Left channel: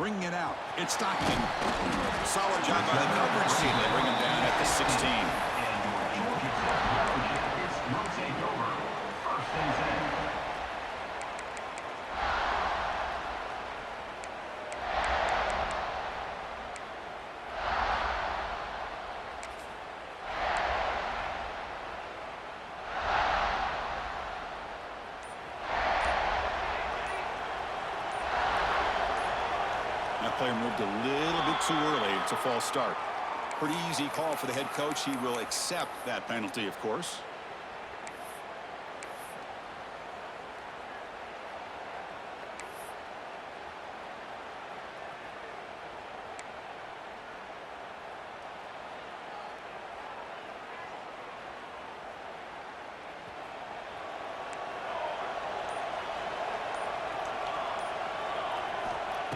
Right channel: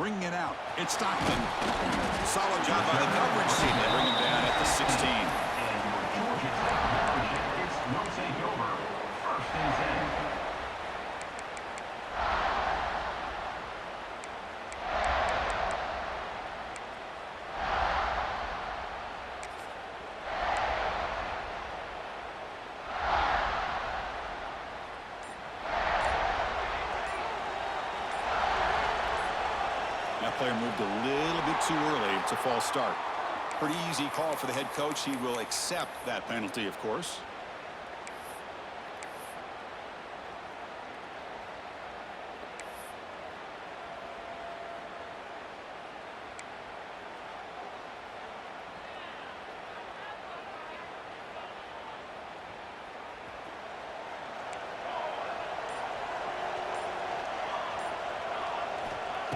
Bringing it out. It's Stockton. Solid job by the coverage team. They bring him down at the 16. And your Georgia Tech Yellow Jackets will take over. 1st and 10. That player moved a little bit too early. It's a false start. Pretty easy call for the head coach. He will accept that penalty, of course.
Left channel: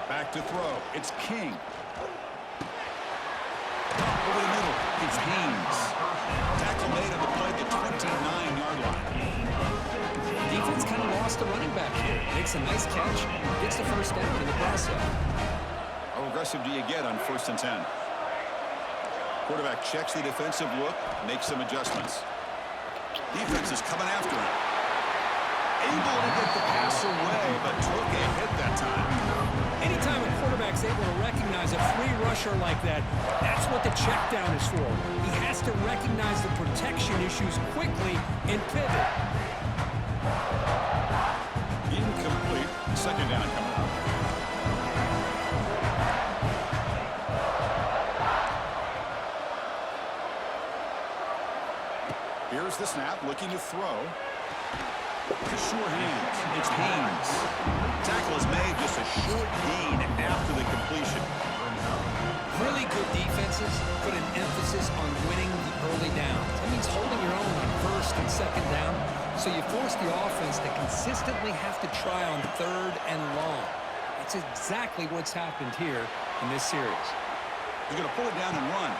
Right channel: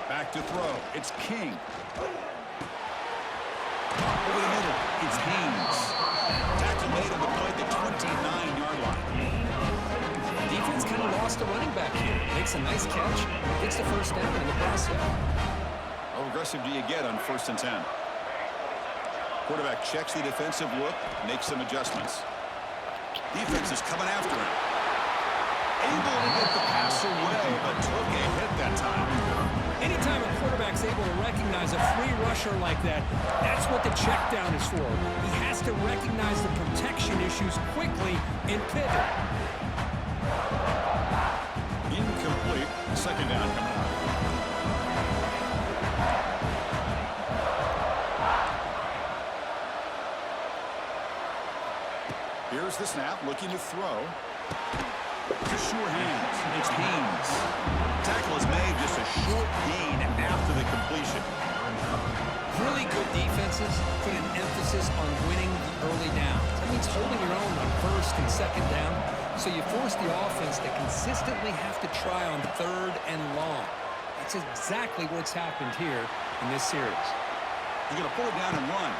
Back to throw. It's King. Over the middle. It's Haynes. Tackle made on the play at the 29-yard line. Defense kind of lost a running back here. Makes a nice catch. Gets the first down in the process. How aggressive do you get on 1st and 10? Quarterback checks the defensive look, makes some adjustments. Defense is coming after him. Able to get the pass away, but took a hit that time. Anytime a quarterback's able to recognize a free rusher like that, that's what the check down is for. He has to recognize the protection issues quickly and pivot. Incomplete. 2nd down coming up. Here's the snap, looking to throw. Sure hands. It's Haynes. Tackle is made, just a short gain after the completion. Really good defenses put an emphasis on winning the early downs. That means holding your own on 1st and 2nd down. So you force the offense to consistently have to try on 3rd and long. That's exactly what's happened here in this series. He's going to pull it down and run.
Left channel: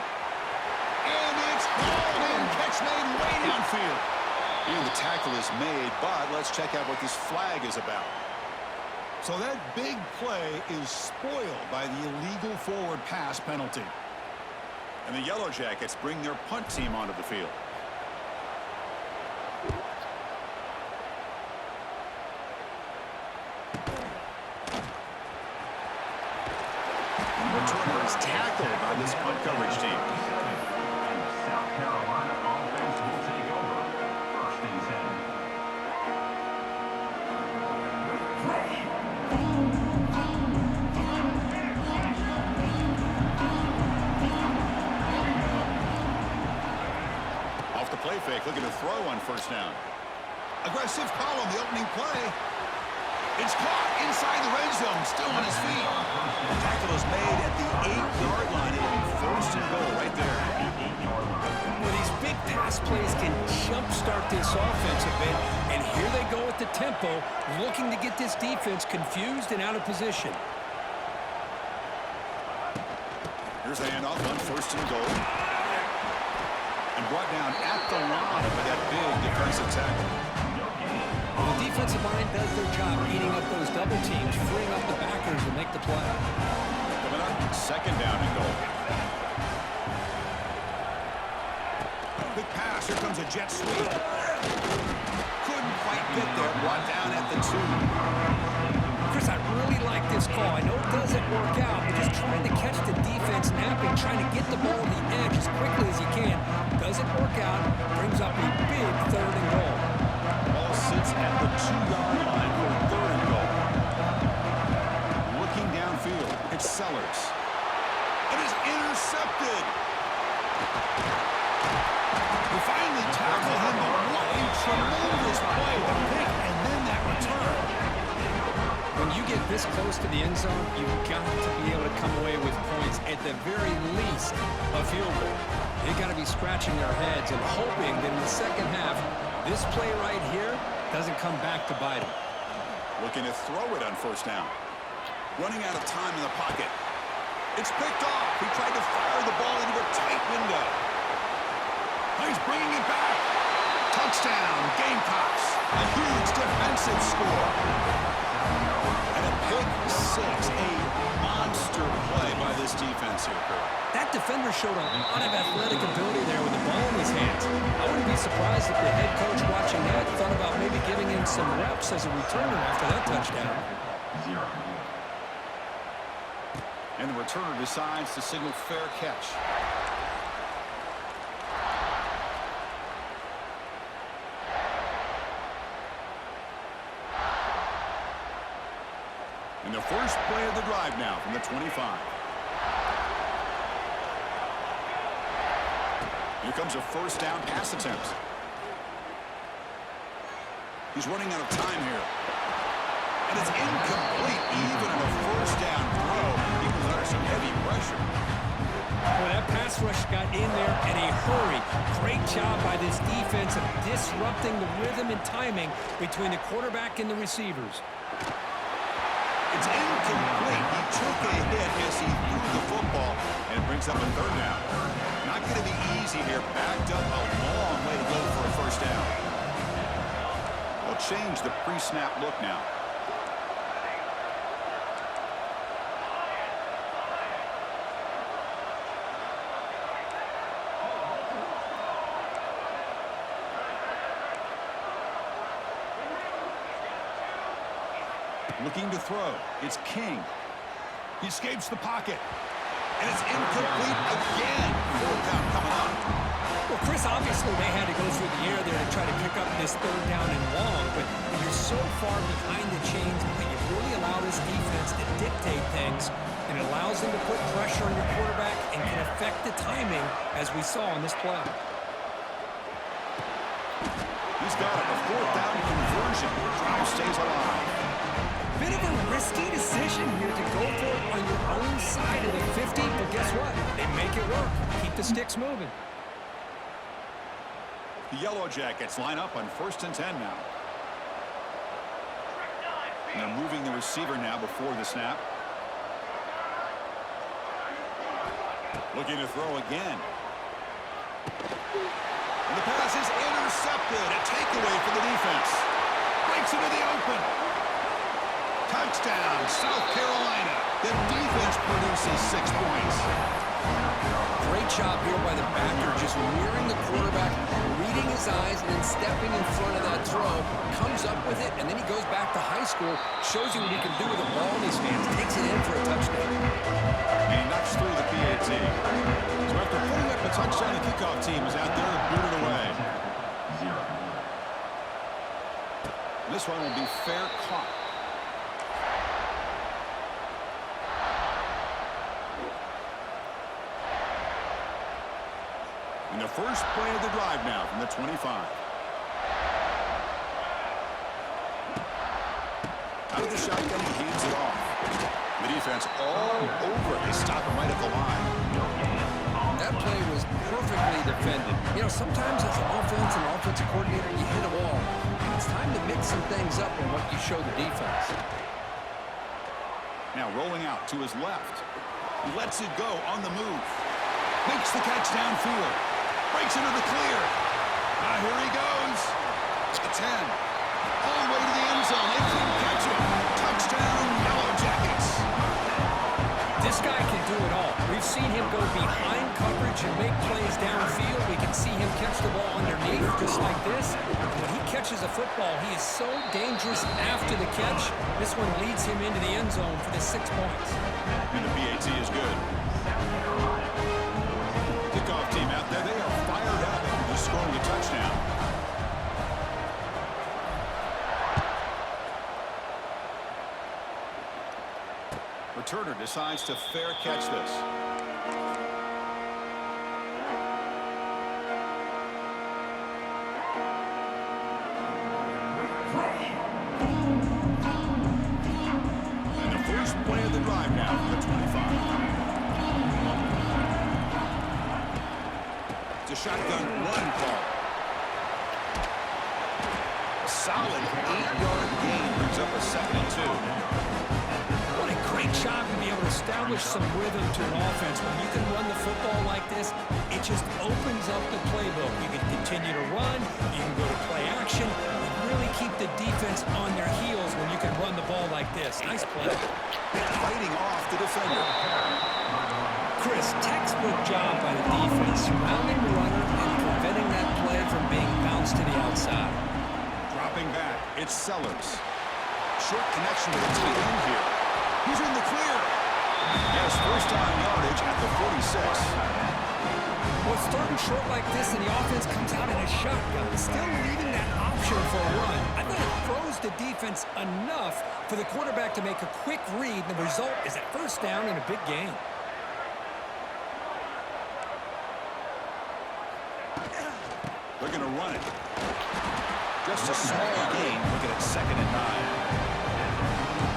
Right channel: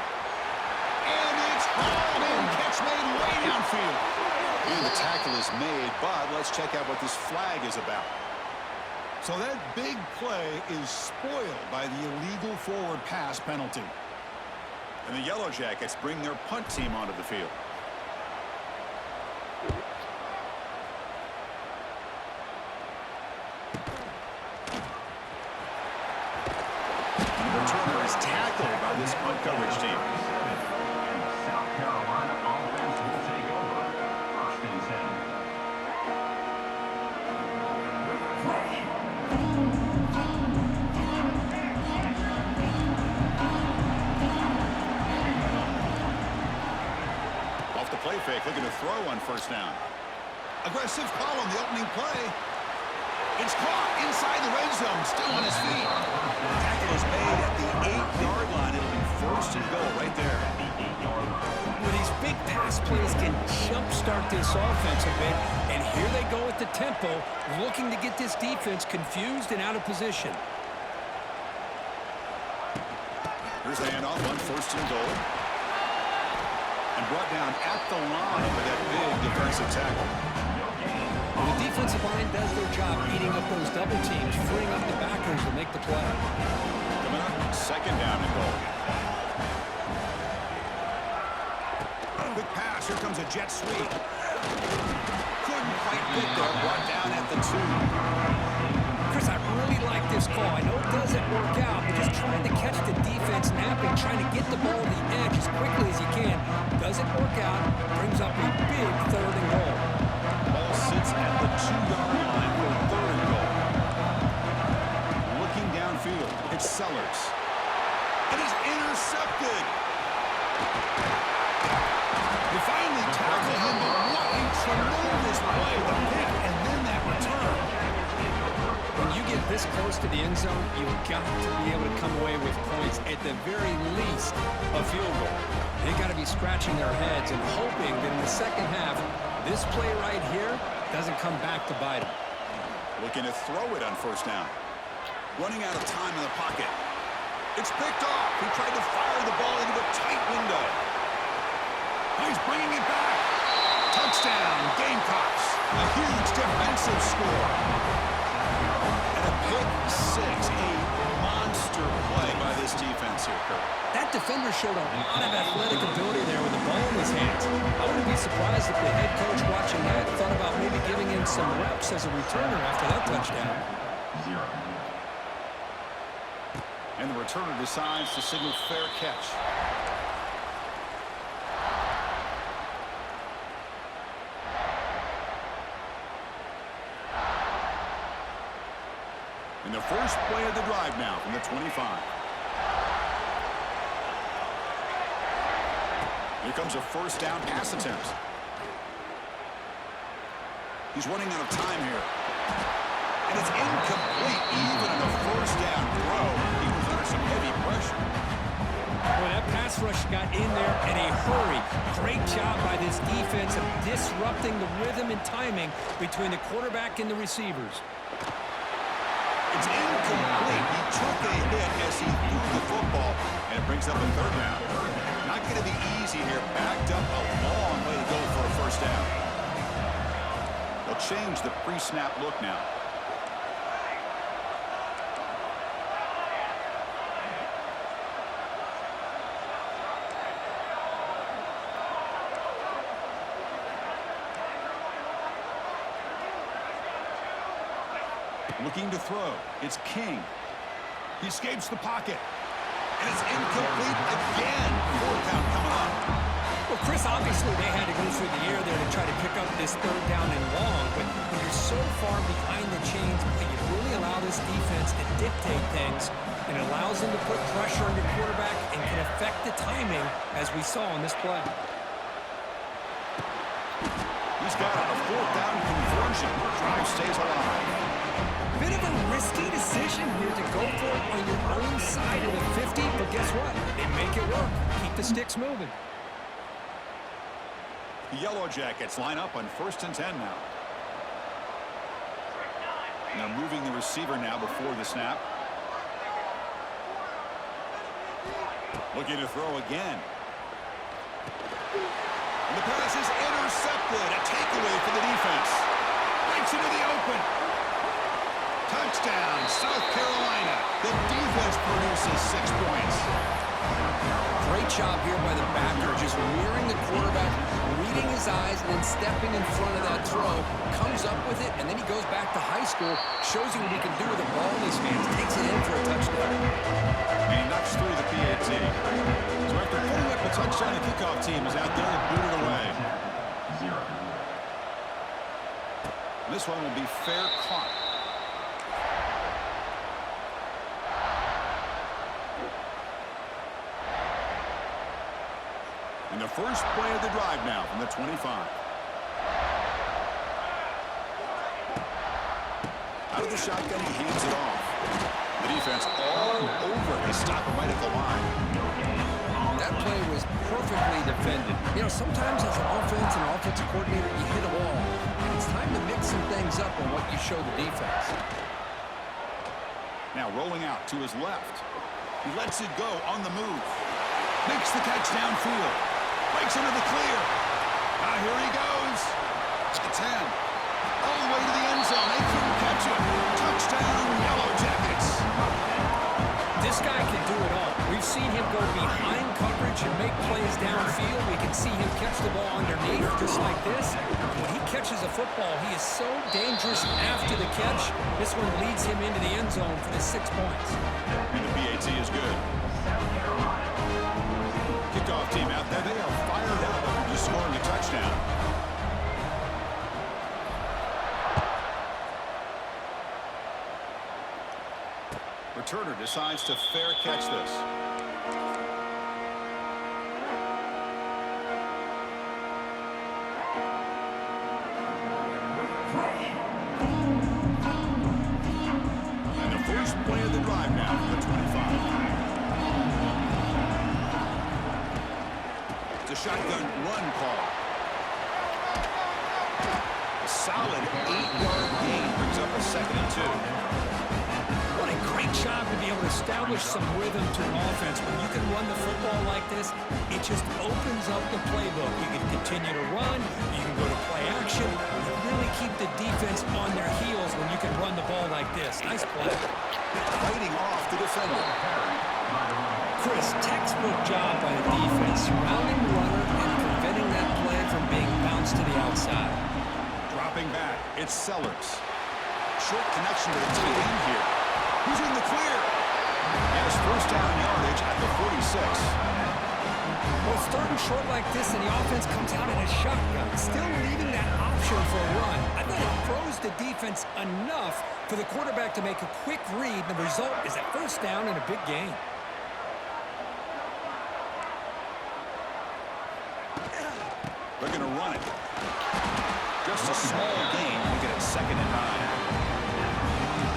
And it's hauled in. Catch made way downfield. And the tackle is made, but let's check out what this flag is about. So that big play is spoiled by the illegal forward pass penalty. And the Yellow Jackets bring their punt team onto the field. The returner is tackled by this punt coverage team. And the South Carolina offense will take over. 1st and 10. Off the play fake, looking to throw on 1st down. Aggressive call on the opening play. It's caught inside the red zone, still on his feet. The tackle is made at the 8-yard line. It'll be 1st and goal right there. Well, these big pass plays can jumpstart this offense a bit, and here they go at the tempo, looking to get this defense confused and out of position. Here's the handoff on 1st and goal. And brought down at the line by that big defensive tackle. Well, the defensive line does their job eating up those double teams, freeing up the backers to make the play. Coming up, 2nd down and goal. Big pass, here comes a jet sweep. Couldn't quite get there, brought down at the 2. Chris, I really like this call. I know it doesn't work out, but just trying to catch the defense napping, trying to get the ball to the edge as quickly as you can. Doesn't work out, brings up a big 3rd and goal. Ball sits at the 2-yard line for 3rd and goal. Looking downfield, it's Sellers. It is intercepted. They finally tackle him, but what a tremendous play. The pick and then that return. When you get this close to the end zone, you've got to be able to come away with points, at the very least, a field goal. They've got to be scratching their heads and hoping that in the 2nd half, this play right here doesn't come back to bite them. Looking to throw it on 1st down. Running out of time in the pocket. It's picked off. He tried to fire the ball into a tight window. He's bringing it back. Touchdown, Gamecocks. A huge defensive score. And a pick 6, a monster this defense here, Kurt? That defender showed a lot of athletic ability there with the ball in his hands. I wouldn't be surprised if the head coach watching that thought about maybe giving him some reps as a returner after that touchdown. 0. And the returner decides to signal fair catch. And the first play of the drive now from the 25. Here comes a first down pass attempt. He's running out of time here. And it's incomplete. Even in a first down throw, he was under some heavy pressure. Well, that pass rush got in there in a hurry. Great job by this defense of disrupting the rhythm and timing between the quarterback and the receivers. It's incomplete. He took a hit as he threw the football, and it brings up a third down. Not going to be easy here. Backed up a long way to go for a first down. They'll change the pre-snap look now. Looking to throw. It's King. He escapes the pocket. And it's incomplete again. Fourth down coming up. Well, Chris, obviously they had to go through the air there to try to pick up this third down and long. But when you're so far behind the chains, you really allow this defense to dictate things. And it allows them to put pressure on your quarterback and can affect the timing, as we saw on this play. He's got it. A fourth down conversion. Drive stays alive. Bit of a risky decision here to go for it on your own side of the 50, but guess what? They make it work. Keep the sticks moving. The Yellow Jackets line up on 1st and 10 now. And they're moving the receiver now before the snap. Looking to throw again. And the pass is intercepted. A takeaway for the defense. Breaks into the open. Touchdown, South Carolina. The defense produces 6 points. Great job here by the backer, just mirroring the quarterback, reading his eyes, and then stepping in front of that throw. Comes up with it, and then he goes back to high school, shows you what he can do with the ball in his hands, takes it in for a touchdown. And he knocks through the PAT. So after putting up a touchdown, the kickoff team is out there to boot it away. 0. This one will be fair caught. And the first play of the drive now from the 25. Out of the shotgun, he hands it off. The defense all over. They stop him right at the line. That play was perfectly defended. You know, sometimes as an offensive coordinator, you hit a wall. And it's time to mix some things up on what you show the defense. Now rolling out to his left. He lets it go on the move. Makes the catch downfield. Breaks into the clear. Here he goes. At the 10. All the way to the end zone. They couldn't catch him. Touchdown, Yellow Jackets. This guy can do it all. We've seen him go behind coverage and make plays downfield. We can see him catch the ball underneath just like this. When he catches a football, he is so dangerous after the catch. This one leads him into the end zone for the 6 points. And the PAT is good. Kickoff team out there. They are fired up after just scoring a touchdown. Returner decides to fair catch this. And the first play of the drive now from the 25. It's a shotgun run call. A solid 8-yard gain brings up a 2nd and 2. What a great job to be able to establish some rhythm to an offense. When you can run the football like this, it just opens up the playbook. You can continue to run. You can go to play action. You really keep the defense on their heels when you can run the ball like this. Nice play. Fighting off the defender. Chris, textbook job by the defense, surrounding the runner and preventing that play from being bounced to the outside. Dropping back, it's Sellers. Short connection to the tight end here. He's in the clear. Yes, first down yardage at the 46. Well, it's third and short like this, and the offense comes out in a shotgun, still leaving that option for a run. I thought it froze the defense enough for the quarterback to make a quick read. The result is a first down and a big gain. They're going to run it. Just a small gain. Looking at 2nd and 9.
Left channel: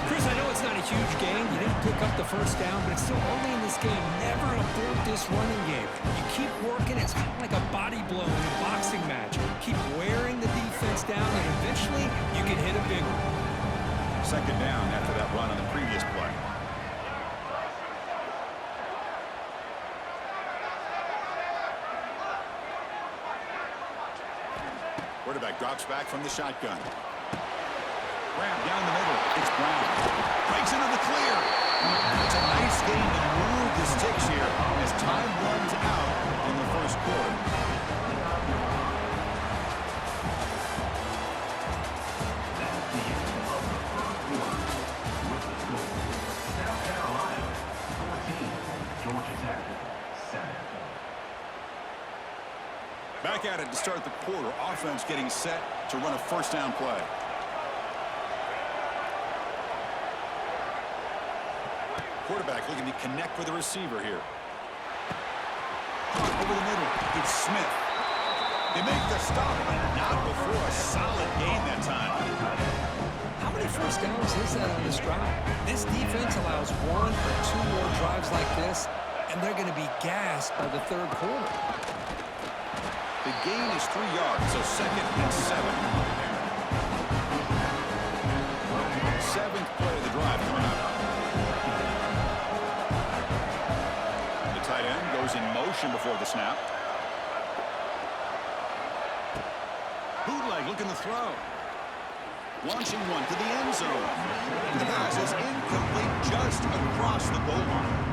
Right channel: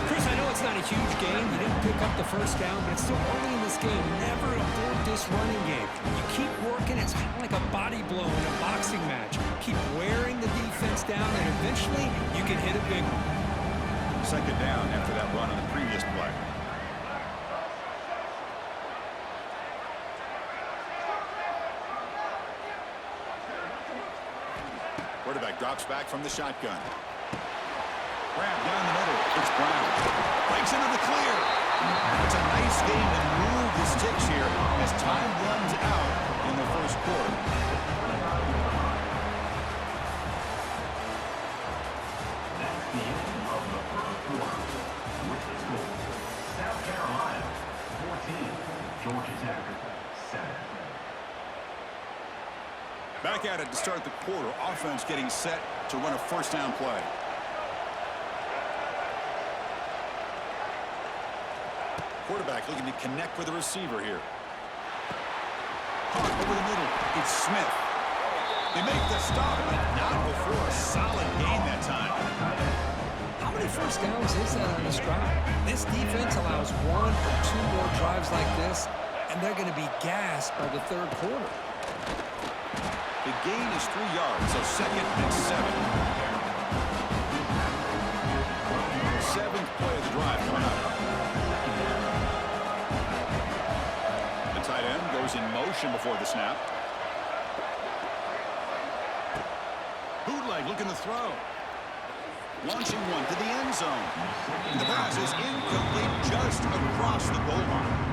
Chris, I know it's not a huge gain. You didn't pick up the first down, but it's still early in this game. Never abort this running game. You keep working. It's kind of like a body blow in a boxing match. Keep wearing the defense down, and eventually you can hit a big one. 2nd down after that run on the previous play. Quarterback drops back from the shotgun. Grab down the middle. It's Brown. Breaks into the clear. It's a nice game to move the sticks here as time runs out in the first quarter. That's the end of the first quarter. With the score, South Carolina 14, Georgia Tech 7. Back at it to start the quarter. Offense getting set to run a first down play. Quarterback looking to connect with the receiver here. Caught over the middle. It's Smith. They make the stop, but not before a solid gain that time. How many first downs is that on this drive? This defense allows 1 or 2 more drives like this, and they're going to be gassed by the third quarter. The gain is 3 yards, so 2nd and 7. 7th play of the drive coming up. The tight end goes in motion before the snap. Bootleg looking to throw. Launching one to the end zone. The pass is incomplete just across the goal line.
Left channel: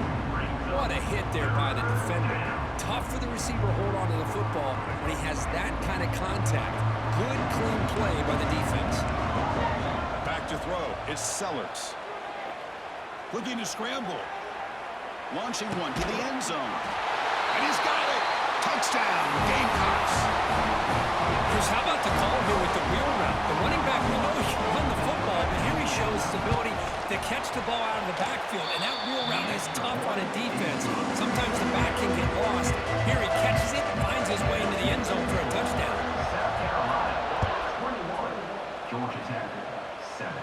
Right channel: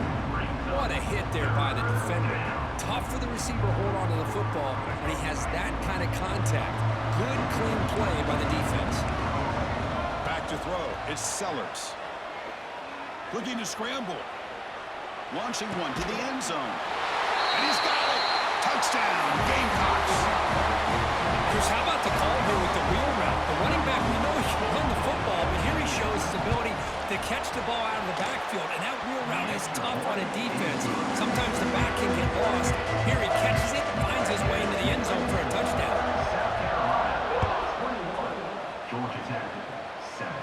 What a hit there by the defender. Tough for the receiver to hold on to the football when he has that kind of contact. Good, clean play by the defense. Back to throw. It's Sellers. Looking to scramble. Launching one to the end zone. And he's got it. Touchdown, Gamecocks. Chris, how about the call here with the wheel route? The running back, we know he can run the football, but here he shows his ability to catch the ball out of the backfield, and that wheel route is tough on a defense. Sometimes the back can get lost. Here he catches it and finds his way into the end zone for a touchdown. South Carolina 21, Georgia Tech 7.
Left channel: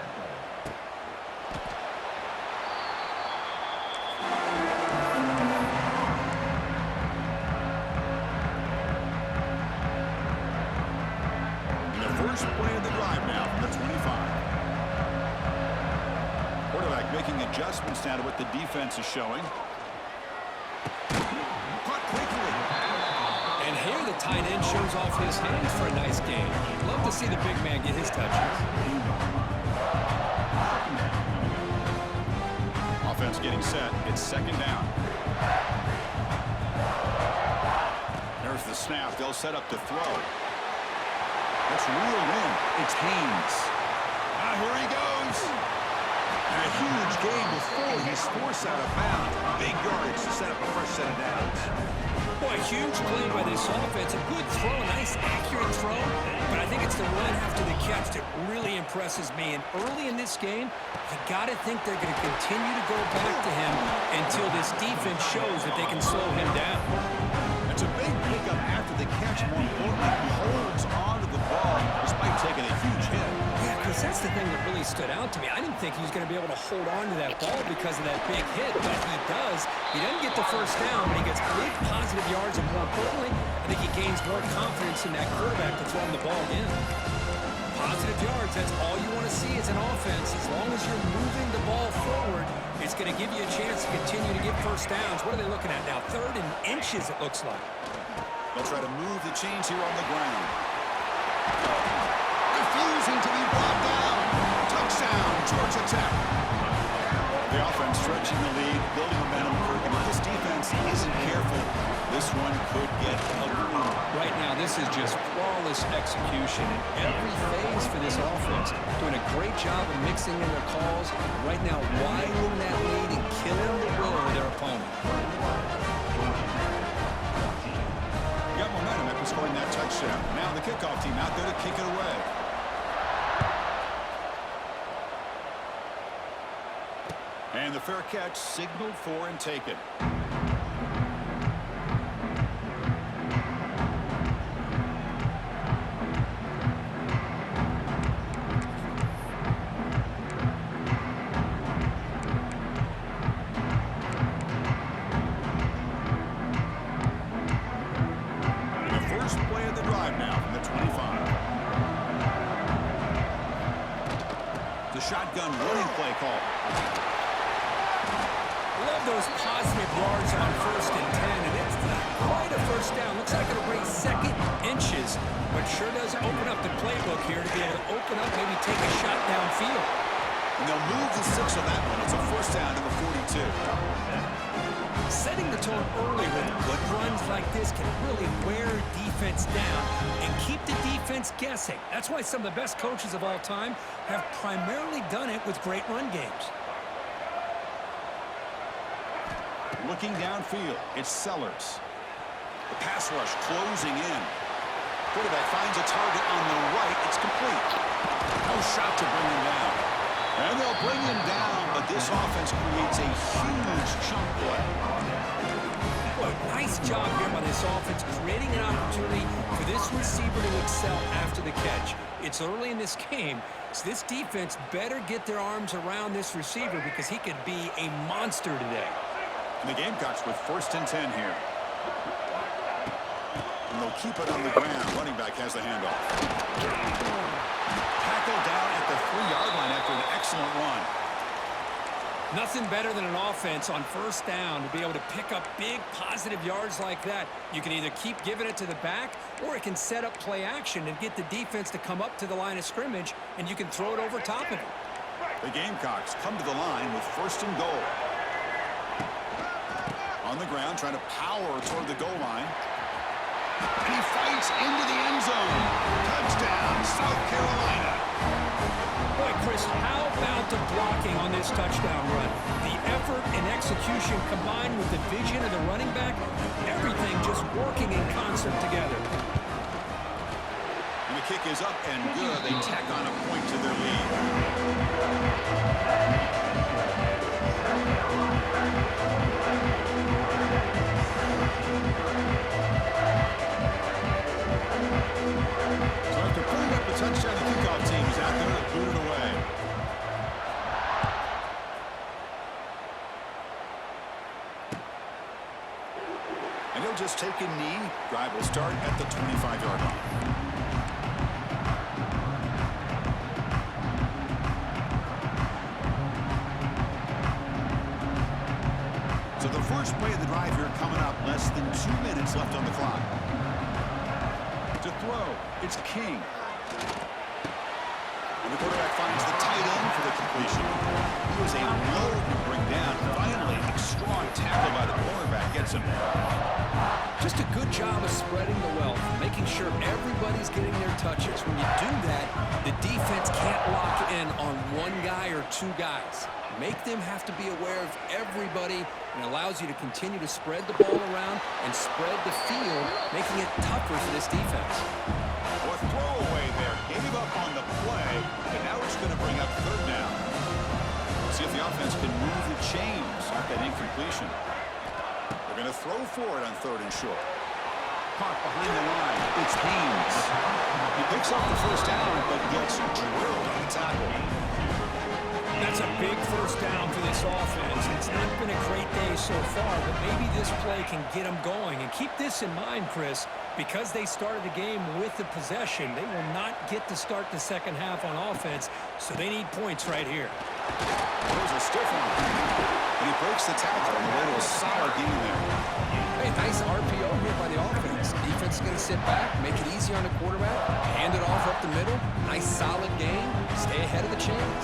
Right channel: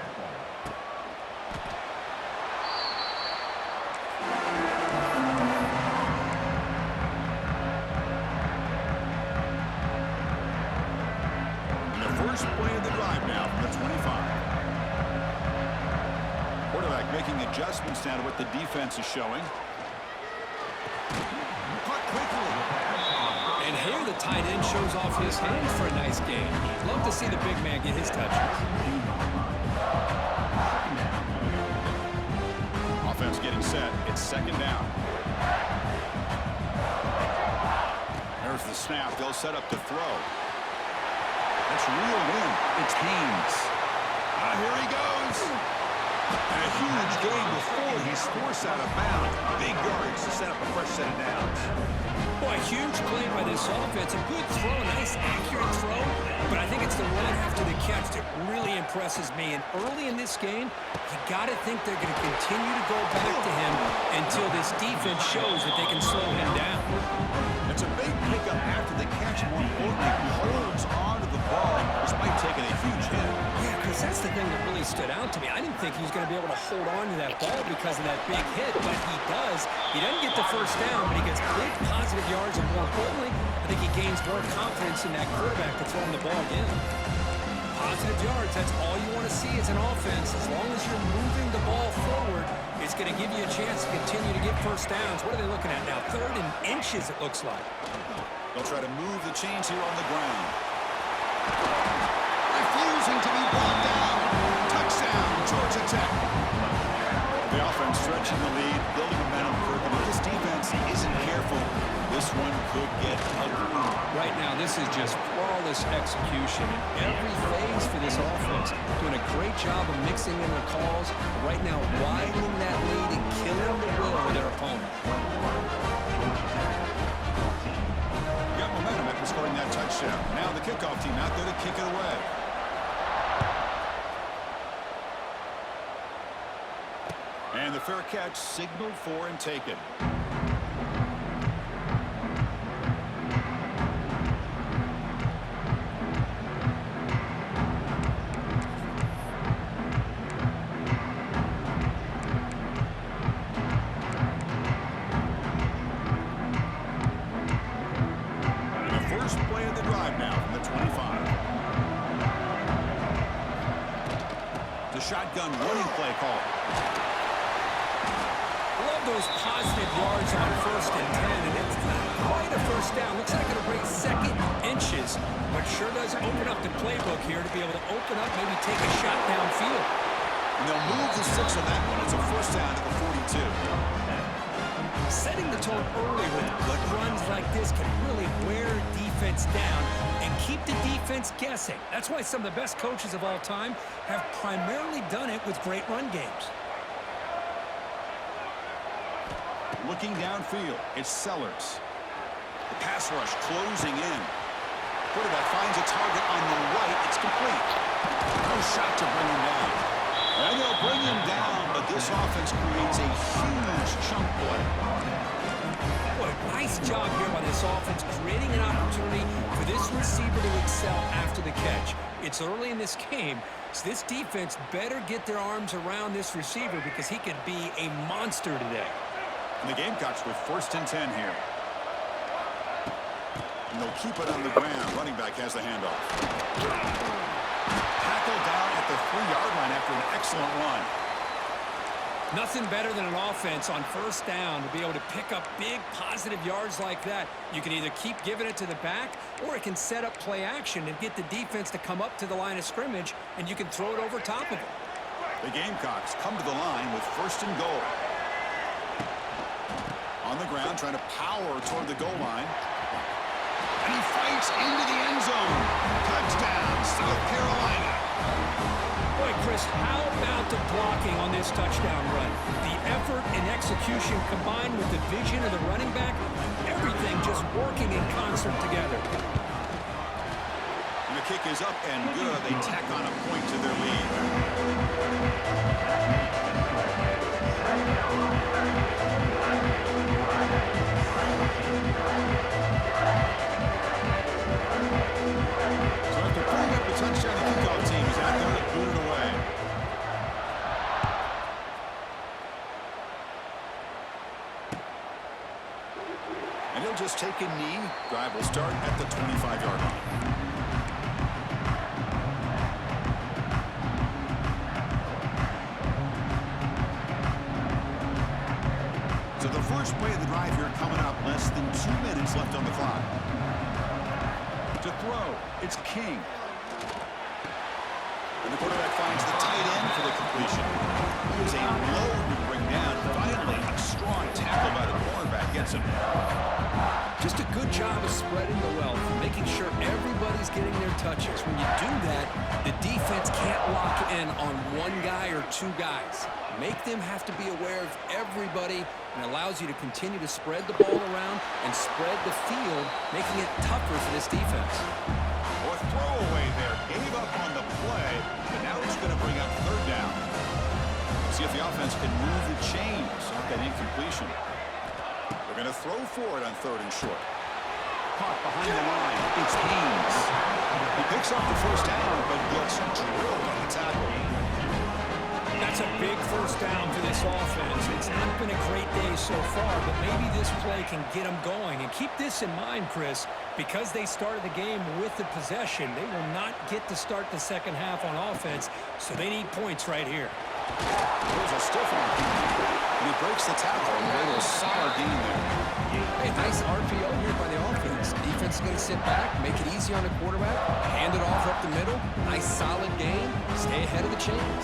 First play of the drive now from the 25. Quarterback making adjustments now to what the defense is showing. Caught quickly. And here the tight end shows off his hands for a nice game. Love to see the big man get his touches. Offense getting set. It's 2nd down. There's the snap. They'll set up to throw. That's reeled in. It's Haynes. Here he goes. And a huge gain before he's forced out of bounds. Big yardage to set up a fresh set of downs. Boy, huge play by this offense. A good throw, a nice accurate throw. But I think it's the run after the catch that really impresses me. And early in this game, you got to think they're going to continue to go back to him until this defense shows that they can slow him down. It's a big pickup after the catch. More importantly, he holds on to the ball despite taking a huge hit. Yeah, Chris, that's the thing that really stood out to me. I didn't think he was going to be able to hold on to that ball because of that big hit, but he does. He doesn't get the first down, but he gets big positive yards, and more importantly, I think he gains more confidence in that quarterback to throw him the ball again. Positive yards, that's all you want to see as an offense. As long as you're moving the ball forward, it's going to give you a chance to continue to get first downs. What are they looking at now? 3rd and inches, it looks like. They'll try to move the chains here on the ground. refusing to be brought down. Touchdown, Georgia Tech. The offense stretching the lead, building momentum, Kirk. And if this defense isn't careful, this one could get ugly. Right now, this is just flawless execution in every phase for this offense. Doing a great job of mixing in their calls. Right now, widening that lead and killing the will of their opponent. Got momentum after scoring that touchdown. Now the kickoff team out there to kick it away. And the fair catch signaled for and taken. Shotgun running play call. Love those positive yards on 1st and 10, and it's not quite a first down. Looks like it'll bring second inches, but sure does open up the playbook here to be able to open up, maybe take a shot downfield. And they'll move the 6 on that one. It's a first down to the 42. Setting the tone early with good runs like this can really wear defense down and keep the defense guessing. That's why some of the best coaches of all time have primarily done it with great run games. Looking downfield, it's Sellers. The pass rush closing in. Quarterback finds a target on the right. It's complete. No shot to bring him down. And they'll bring him down, but this offense creates a huge chunk play. Boy, nice job here by this offense, creating an opportunity for this receiver to excel after the catch. It's early in this game, so this defense better get their arms around this receiver because he could be a monster today. And the Gamecocks with 1st and 10 here. And they'll keep it on the ground. Running back has the handoff. Tackled down at the 3-yard line after an excellent run. Nothing better than an offense on 1st down to be able to pick up big positive yards like that. You can either keep giving it to the back, or it can set up play action and get the defense to come up to the line of scrimmage, and you can throw it over top of them. The Gamecocks come to the line with 1st and goal. On the ground, trying to power toward the goal line. And he fights into the end zone. Touchdown, South Carolina. Boy, Chris, how about the blocking on this touchdown run? The effort and execution combined with the vision of the running back, everything just working in concert together. And the kick is up and good. They tack on a point to their lead. So after pulling up a touchdown, the kickoff team is out there to boot it away. And he'll just take a knee. Drive will start at the 25-yard line. So the first play of the drive here coming up, less than 2 minutes left on the clock. To throw, it's King. And the quarterback finds the tight end for the completion. He is a load to bring down. Finally, a strong tackle by the cornerback gets him. Just a good job of spreading the wealth, making sure everybody's getting their touches. When you do that, the defense can't lock in on one guy or two guys. Make them have to be aware of everybody, and allows you to continue to spread the ball around and spread the field, making it tougher for this defense. Oh, a throwaway there. Gave up on the play, and now it's going to bring up 3rd down. See if the offense can move the chains off that incompletion. They're going to throw for it on 3rd and short. Caught behind the line. It's Haynes. He picks up the 1st down, but gets drilled on the tackle. That's a big 1st down for this offense. It's not been a great day so far, but maybe this play can get them going. And keep this in mind, Chris, because they started the game with the possession, they will not get to start the second half on offense, so they need points right here. There's a stiff arm. And he breaks the tackle and a little solid gain there. Hey, nice RPO here by the offense. Defense is going to sit back, make it easy on the quarterback, hand it off up the middle. Nice solid gain. Stay ahead of the chains.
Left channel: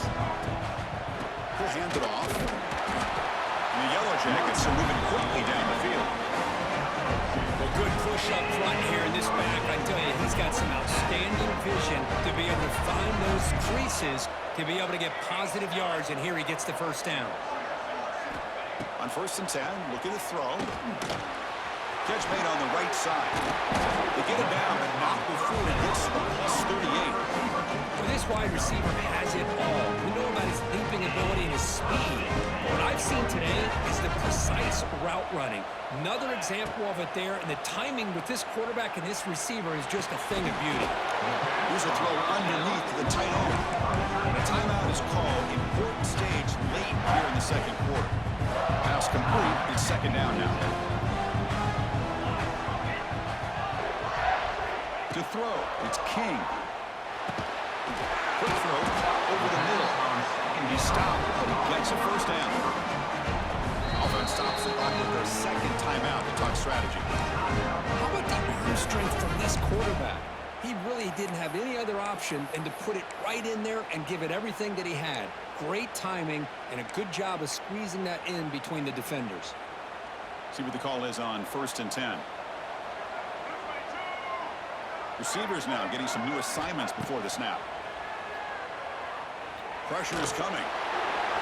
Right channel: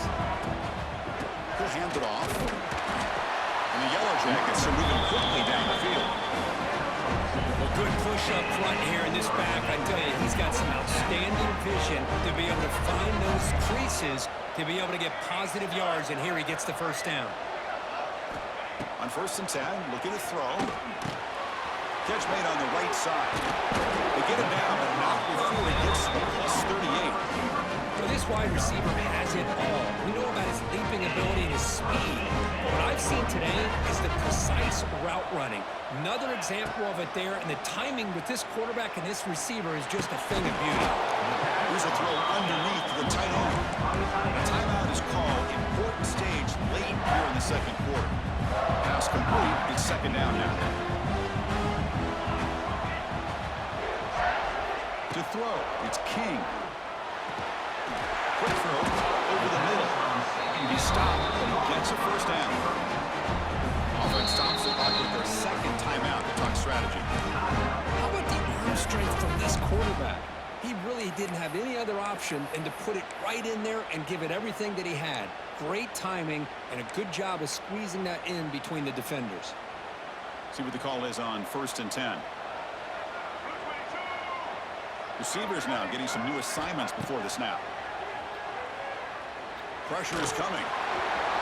He'll hand it off. And the Yellow Jackets are moving quickly down the field. Well, good push up front here in this back. I tell you, he's got some outstanding vision to be able to find those creases to be able to get positive yards, and here he gets the first down. On 1st and 10, looking to throw. Catch made on the right side. They get it down, but not before he gets to the +38. Well, this wide receiver has it all. We know about his leaping ability and his speed. But what I've seen today is the precise route running. Another example of it there, and the timing with this quarterback and this receiver is just a thing of beauty. Here's a throw underneath to the tight end. And a timeout is called. Important stage late here in the second quarter. Pass complete. It's 2nd down now. To throw, it's King. Quick throw, over the middle. He stopped, but he gets a 1st down. Offense stops the clock with their 2nd timeout to talk strategy. How about the arm strength from this quarterback? He really didn't have any other option than to put it right in there and give it everything that he had. Great timing and a good job of squeezing that in between the defenders. See what the call is on 1st and 10. Receivers now getting some new assignments before the snap. Pressure is coming.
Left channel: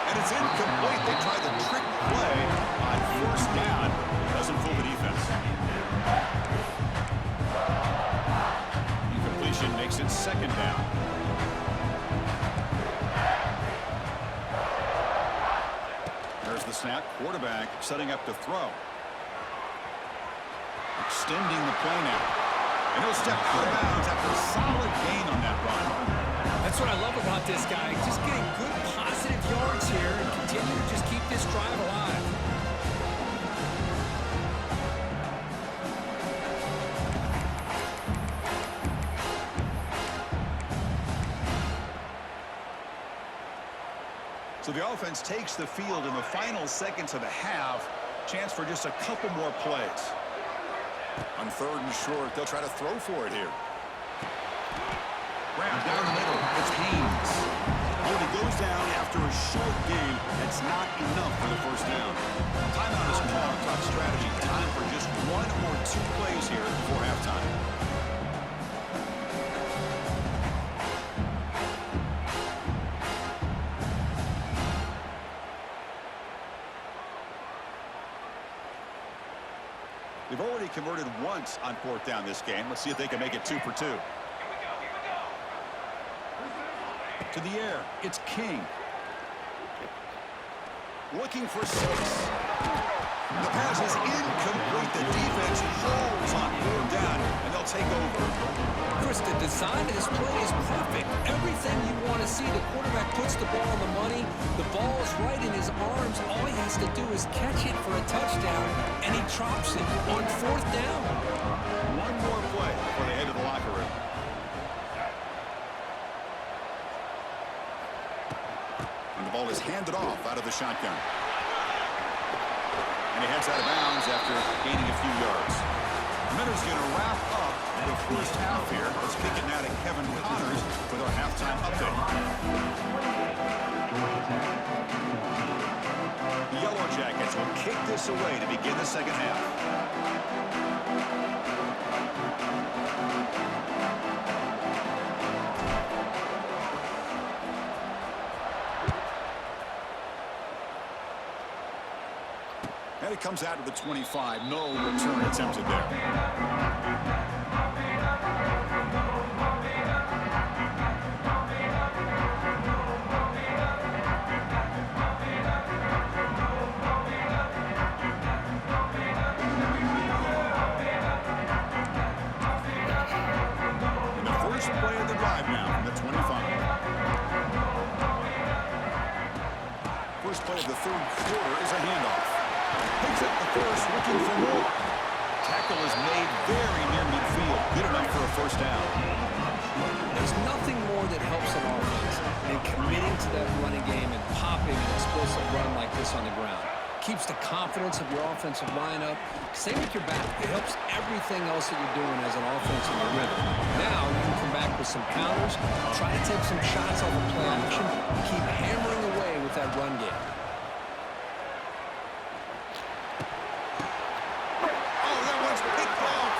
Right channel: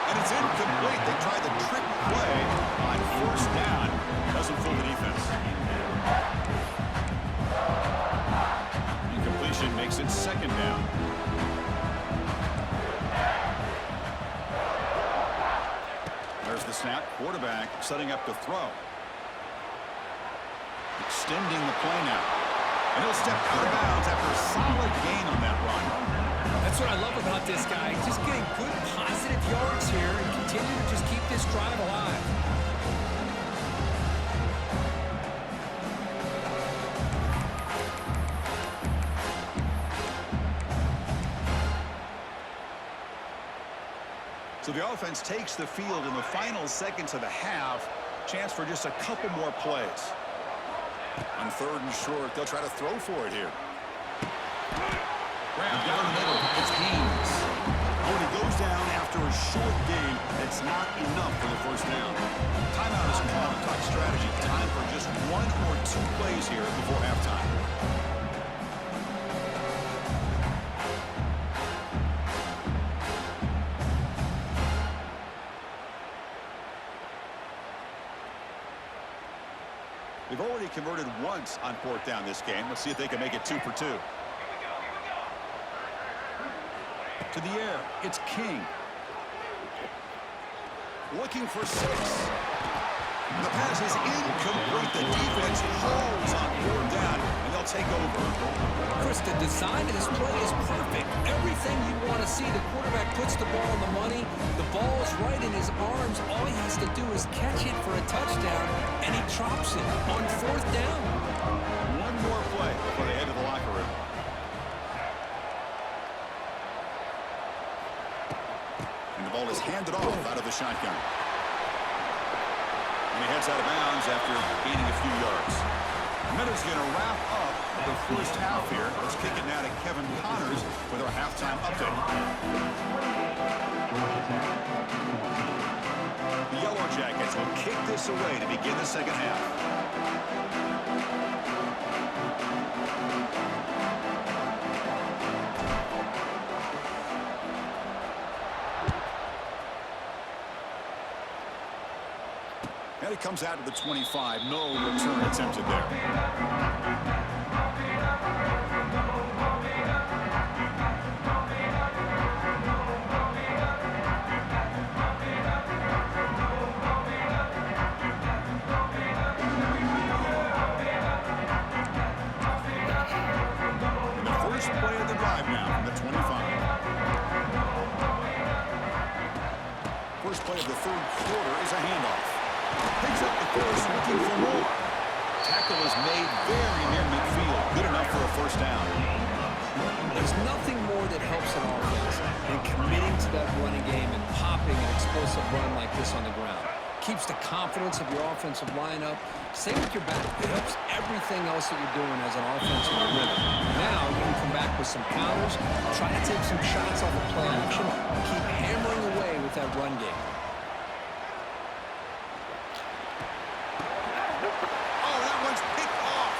And it's incomplete. They try the trick play on 1st down. Doesn't fool the defense. Incompletion makes it 2nd down. There's the snap. Quarterback setting up to throw. Extending the play now. And he'll step out of bounds after a solid gain on that run. That's what I love about this guy. Just getting good positive yards here and continue to just keep this drive alive. So the offense takes the field in the final seconds of the half. Chance for just a couple more plays. On 3rd and short, they'll try to throw for it here. Grab down the middle. It's Haynes. When he goes down after a short gain, that's not enough for the 1st down. Timeout is called to talk strategy. Time for just 1 or 2 plays here before halftime. They've already converted once on 4th down this game. Let's see if they can make it 2 for 2. To the air, it's King. Looking for 6. The pass is incomplete. The defense holds on 4th down, and they'll take over. Chris, the design of this play is perfect. Everything you want to see. The quarterback puts the ball on the money. The ball is right in his arms. All he has to do is catch it for a touchdown, and he drops it on 4th down. One more play before they head to the locker room. And the ball is handed off out of the shotgun. And he heads out of bounds after gaining a few yards. Miller's going to wrap up the 1st half here. Let's kick it now to Kevin Connors with our halftime update. The Yellow Jackets will kick this away to begin the 2nd half. And it comes out to the 25. No return attempted there. And the first play of the drive now from the 25. First play of the 3rd quarter is a handoff. Picks up the first, looking for more. Tackle is made very near midfield. Good enough for a 1st down. There's nothing more that helps an offense than committing to that running game and popping an explosive run like this on the ground. keeps the confidence of your offensive line up. Same with your back. It helps everything else that you're doing as an offense in your rhythm. Now you can come back with some counters, try to take some shots off of play action, keep hammering away with that run game. Oh, that one's picked off.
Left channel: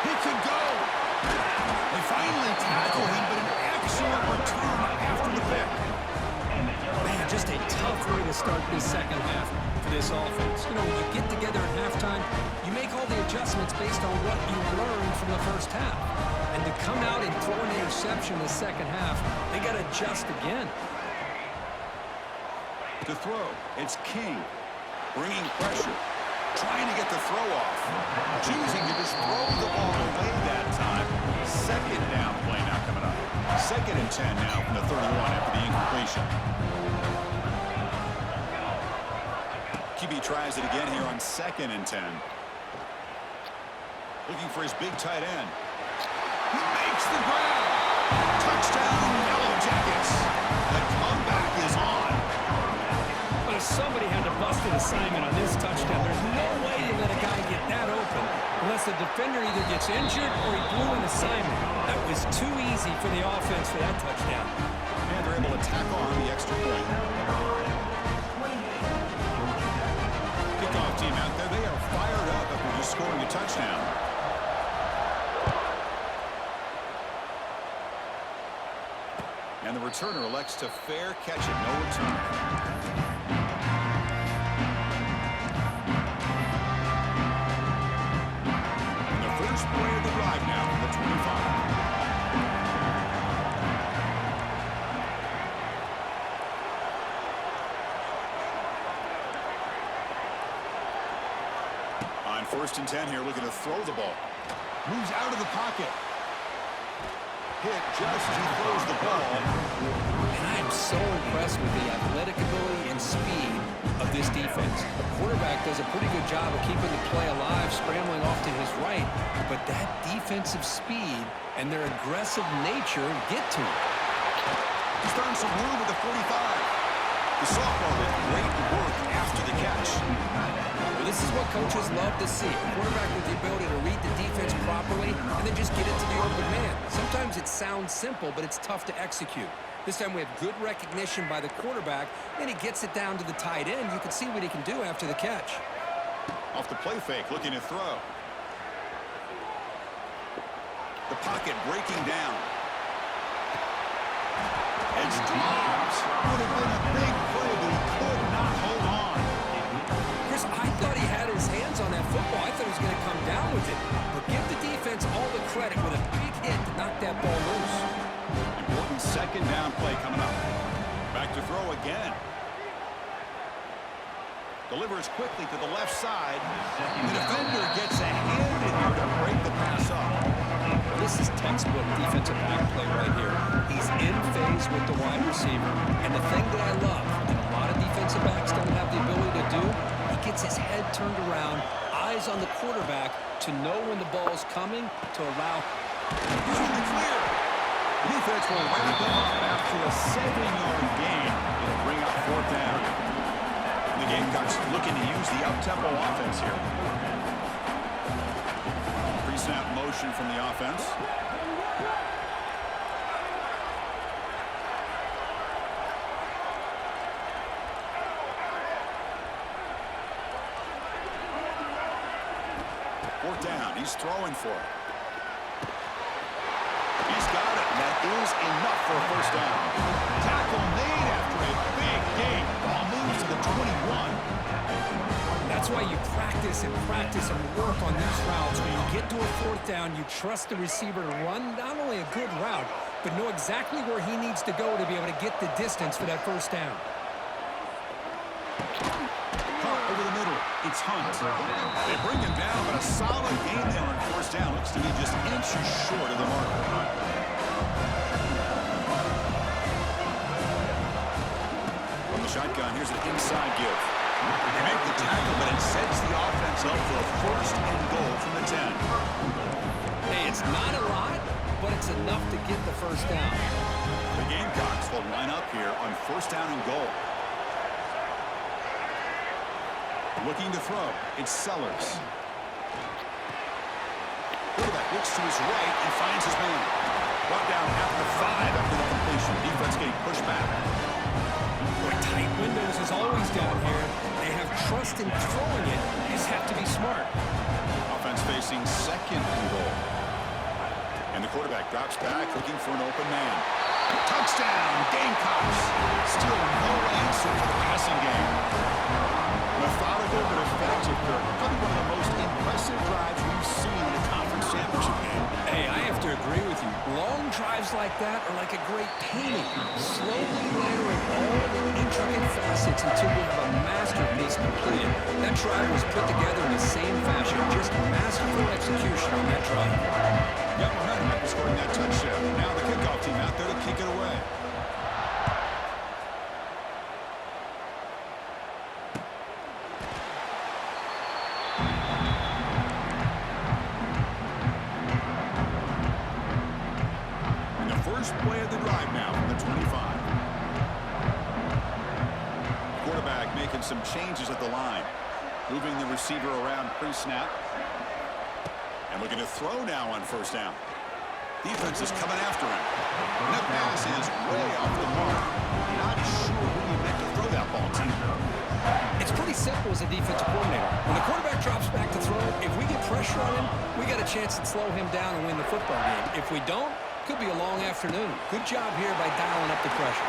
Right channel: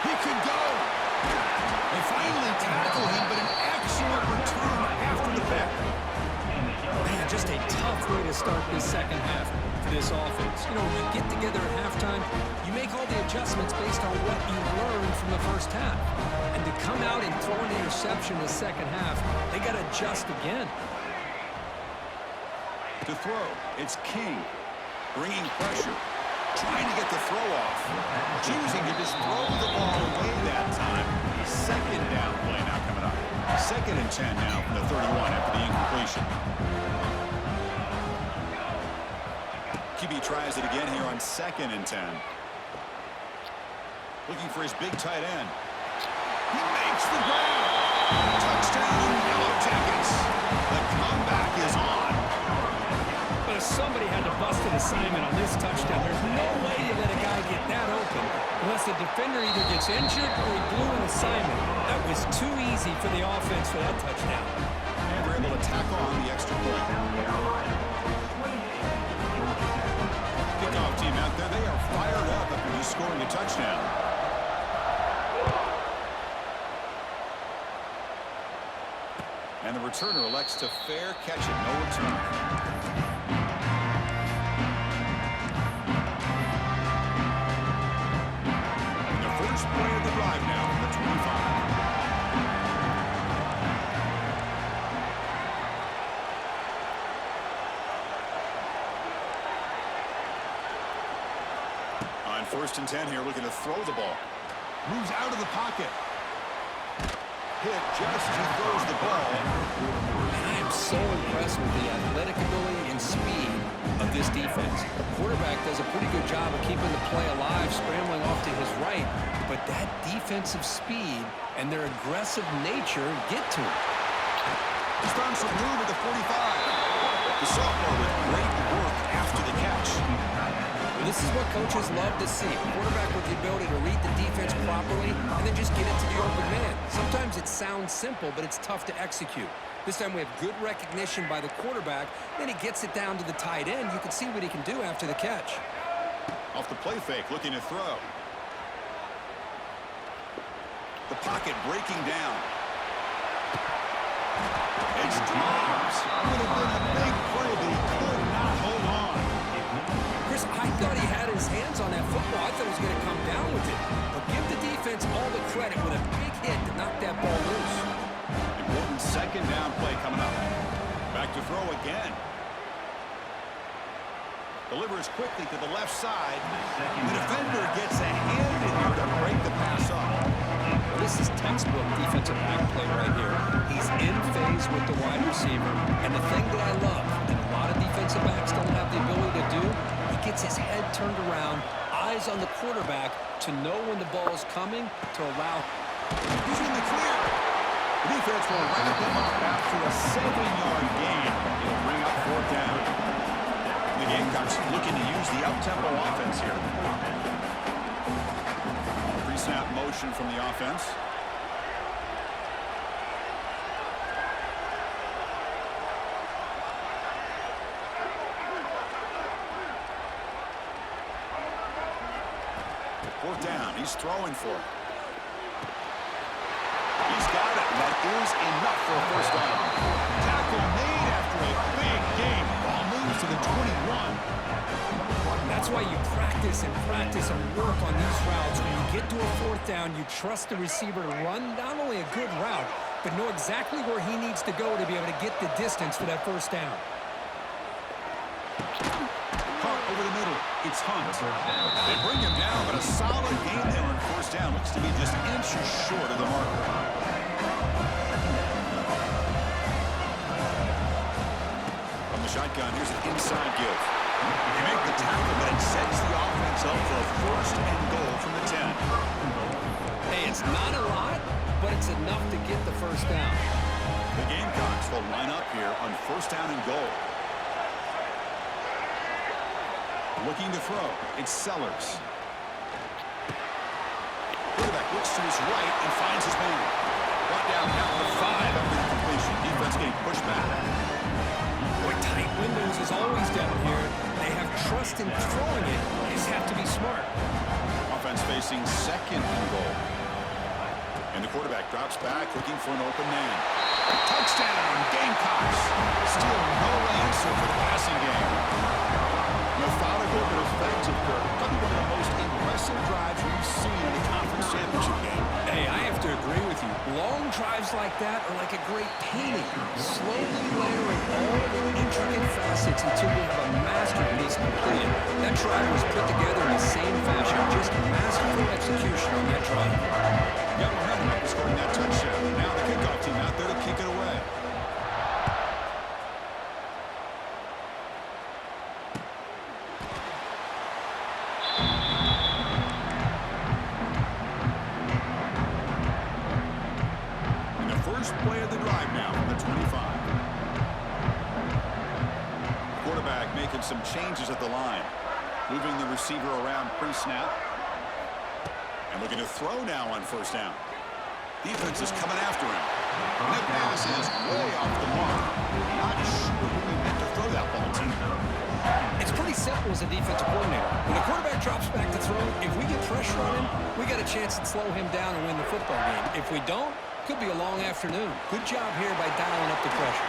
He could go. They finally tackle him, but an excellent return after the pick. Man, just a tough way to start this second half for this offense. You know, when you get together at halftime, you make all the adjustments based on what you learned from the first half. And to come out and throw an interception in the second half, they got to adjust again. To throw, it's King. Bringing pressure. Trying to get the throw off. Choosing to just throw the ball away that time. Second down play now coming up. 2nd and 10 now from the 31 after the incompletion. QB tries it again here on 2nd and 10. Looking for his big tight end. He makes the grab. Touchdown, Yellow Jackets. The comeback is on. But if somebody had to bust an assignment on this touchdown, there's no way you let a guy get that open unless the defender either gets injured or he blew an assignment. That was too easy for the offense for that touchdown. And they're able to tack on the extra point. Kickoff team out there, they are fired up after just scoring a touchdown. And the returner elects to fair catch it, no return. First play of the drive now from the 25. On 1st and 10 here, looking to throw the ball. Moves out of the pocket. Hit just as he throws the ball. And I am so impressed with the athletic ability and speed of this defense. The quarterback does a pretty good job of keeping the play alive, scrambling off to his right, but that defensive speed and their aggressive nature get to him. He's found some room at the 45. The sophomore with great work after the catch. Well, this is what coaches love to see. A quarterback with the ability to read the defense properly and then just get it to the open man. Sometimes it sounds simple, but it's tough to execute. This time we have good recognition by the quarterback. Then he gets it down to the tight end. You can see what he can do after the catch. Off the play fake, looking to throw. The pocket breaking down. It's dropped. Would have been a big play, but he could not hold on. Chris, I thought he had his hands on that football. I thought he was going to come down with it. But give the defense all the credit with a big hit to knock that ball loose. Important 2nd down play coming up. Back to throw again. Delivers quickly to the left side. The defender gets a hand in here to break the pass up. Well, this is textbook defensive back play right here. He's in phase with the wide receiver. And the thing that I love, and a lot of defensive backs don't have the ability to do, he gets his head turned around, eyes on the quarterback to know when the ball's coming to allow. He's in the clear. The defense will wrap him up after a 7-yard gain. It'll bring up 4th down. The Gamecocks looking to use the up-tempo offense here. Pre-snap motion from the offense. Fourth down. He's throwing for it. He's got it, and that is enough for a 1st down. Tackle made after a big gain. Ball moves to the 21. That's why you practice and work on these routes. When you get to a 4th down, you trust the receiver to run not only a good route, but know exactly where he needs to go to be able to get the distance for that 1st down. Caught over the middle. It's Hunt. They bring him down, but a solid gain there on 1st down. Looks to be just inches short of the marker. From the shotgun, here's an inside give. They make the tackle, but it sets the offense up for a 1st and goal from the 10. Hey, it's not a lot, but it's enough to get the 1st down. The Gamecocks will line up here on 1st down and goal. Looking to throw. It's Sellers. Quarterback looks to his right and finds his man. Brought down at the 5 after the completion. Defense getting pushed back. Boy, tight windows is always down here. They have trust in throwing it. You just have to be smart. Offense facing second and goal. And the quarterback drops back looking for an open man. Touchdown, Gamecocks. Still no answer for the passing game. Methodical but effective, Kirk. Probably one of the most impressive drives we've seen in a conference championship game. Hey, I have to agree with you. Long drives like that are like a great painting. Slowly layering all the intricate facets until you have a masterpiece completed. That drive was put together in the same fashion. Just masterful execution on that drive. Got momentum after scoring that touchdown. Now the kickoff team out there to kick it away. First play of the drive now from the 25. Quarterback making some changes at the line. Moving the receiver around pre-snap. And looking to throw now on first down. Defense is coming after him. And that pass is way off the mark. Not sure who he meant to throw that ball to. It's pretty simple as a defensive coordinator. When the quarterback drops back to throw, if we get pressure on him, we got a chance to slow him down and win the football game. If we don't, could be a long afternoon. Good job here by dialing up the pressure.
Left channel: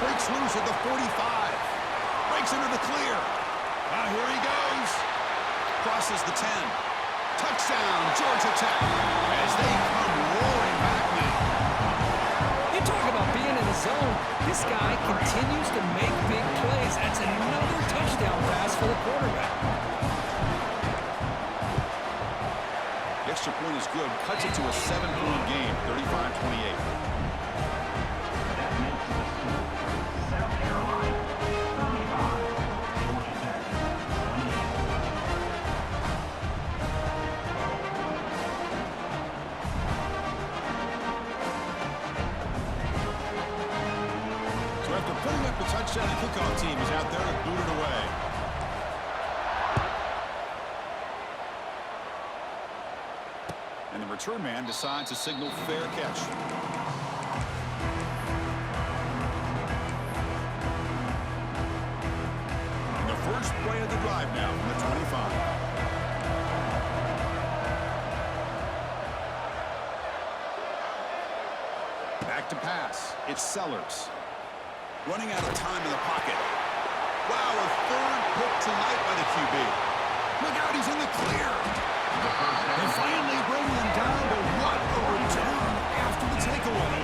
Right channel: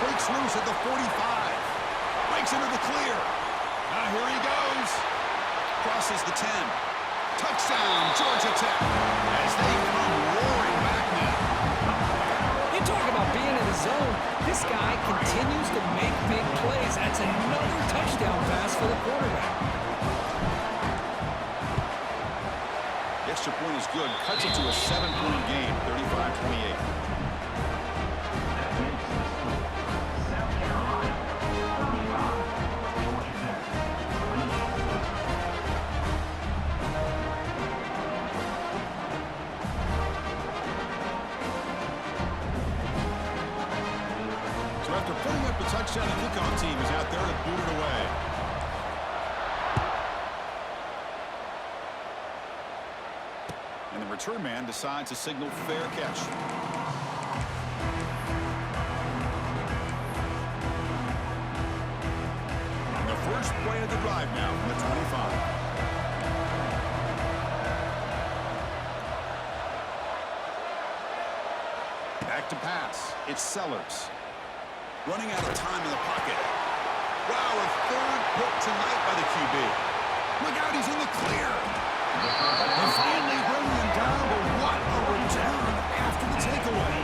Breaks loose at the 45. Breaks into the clear. Now here he goes. Crosses the 10. Touchdown, Georgia Tech. As they come roaring back now. You talk about being in the zone. This guy continues to make big plays. That's another touchdown pass for the quarterback. The extra point is good. Cuts it to a 7-point game, 35-28. That makes the score. South Carolina, 35. Georgia Tech, 28. So after putting up the touchdown, the kickoff team is out there to boot it away. And the return man decides to signal fair catch. And the first play of the drive now from the 25. Back to pass. It's Sellers. Running out of time in the pocket. Wow, a third pick tonight by the QB. Look out, he's in the clear. They finally bring him down, but what a return after the takeaway.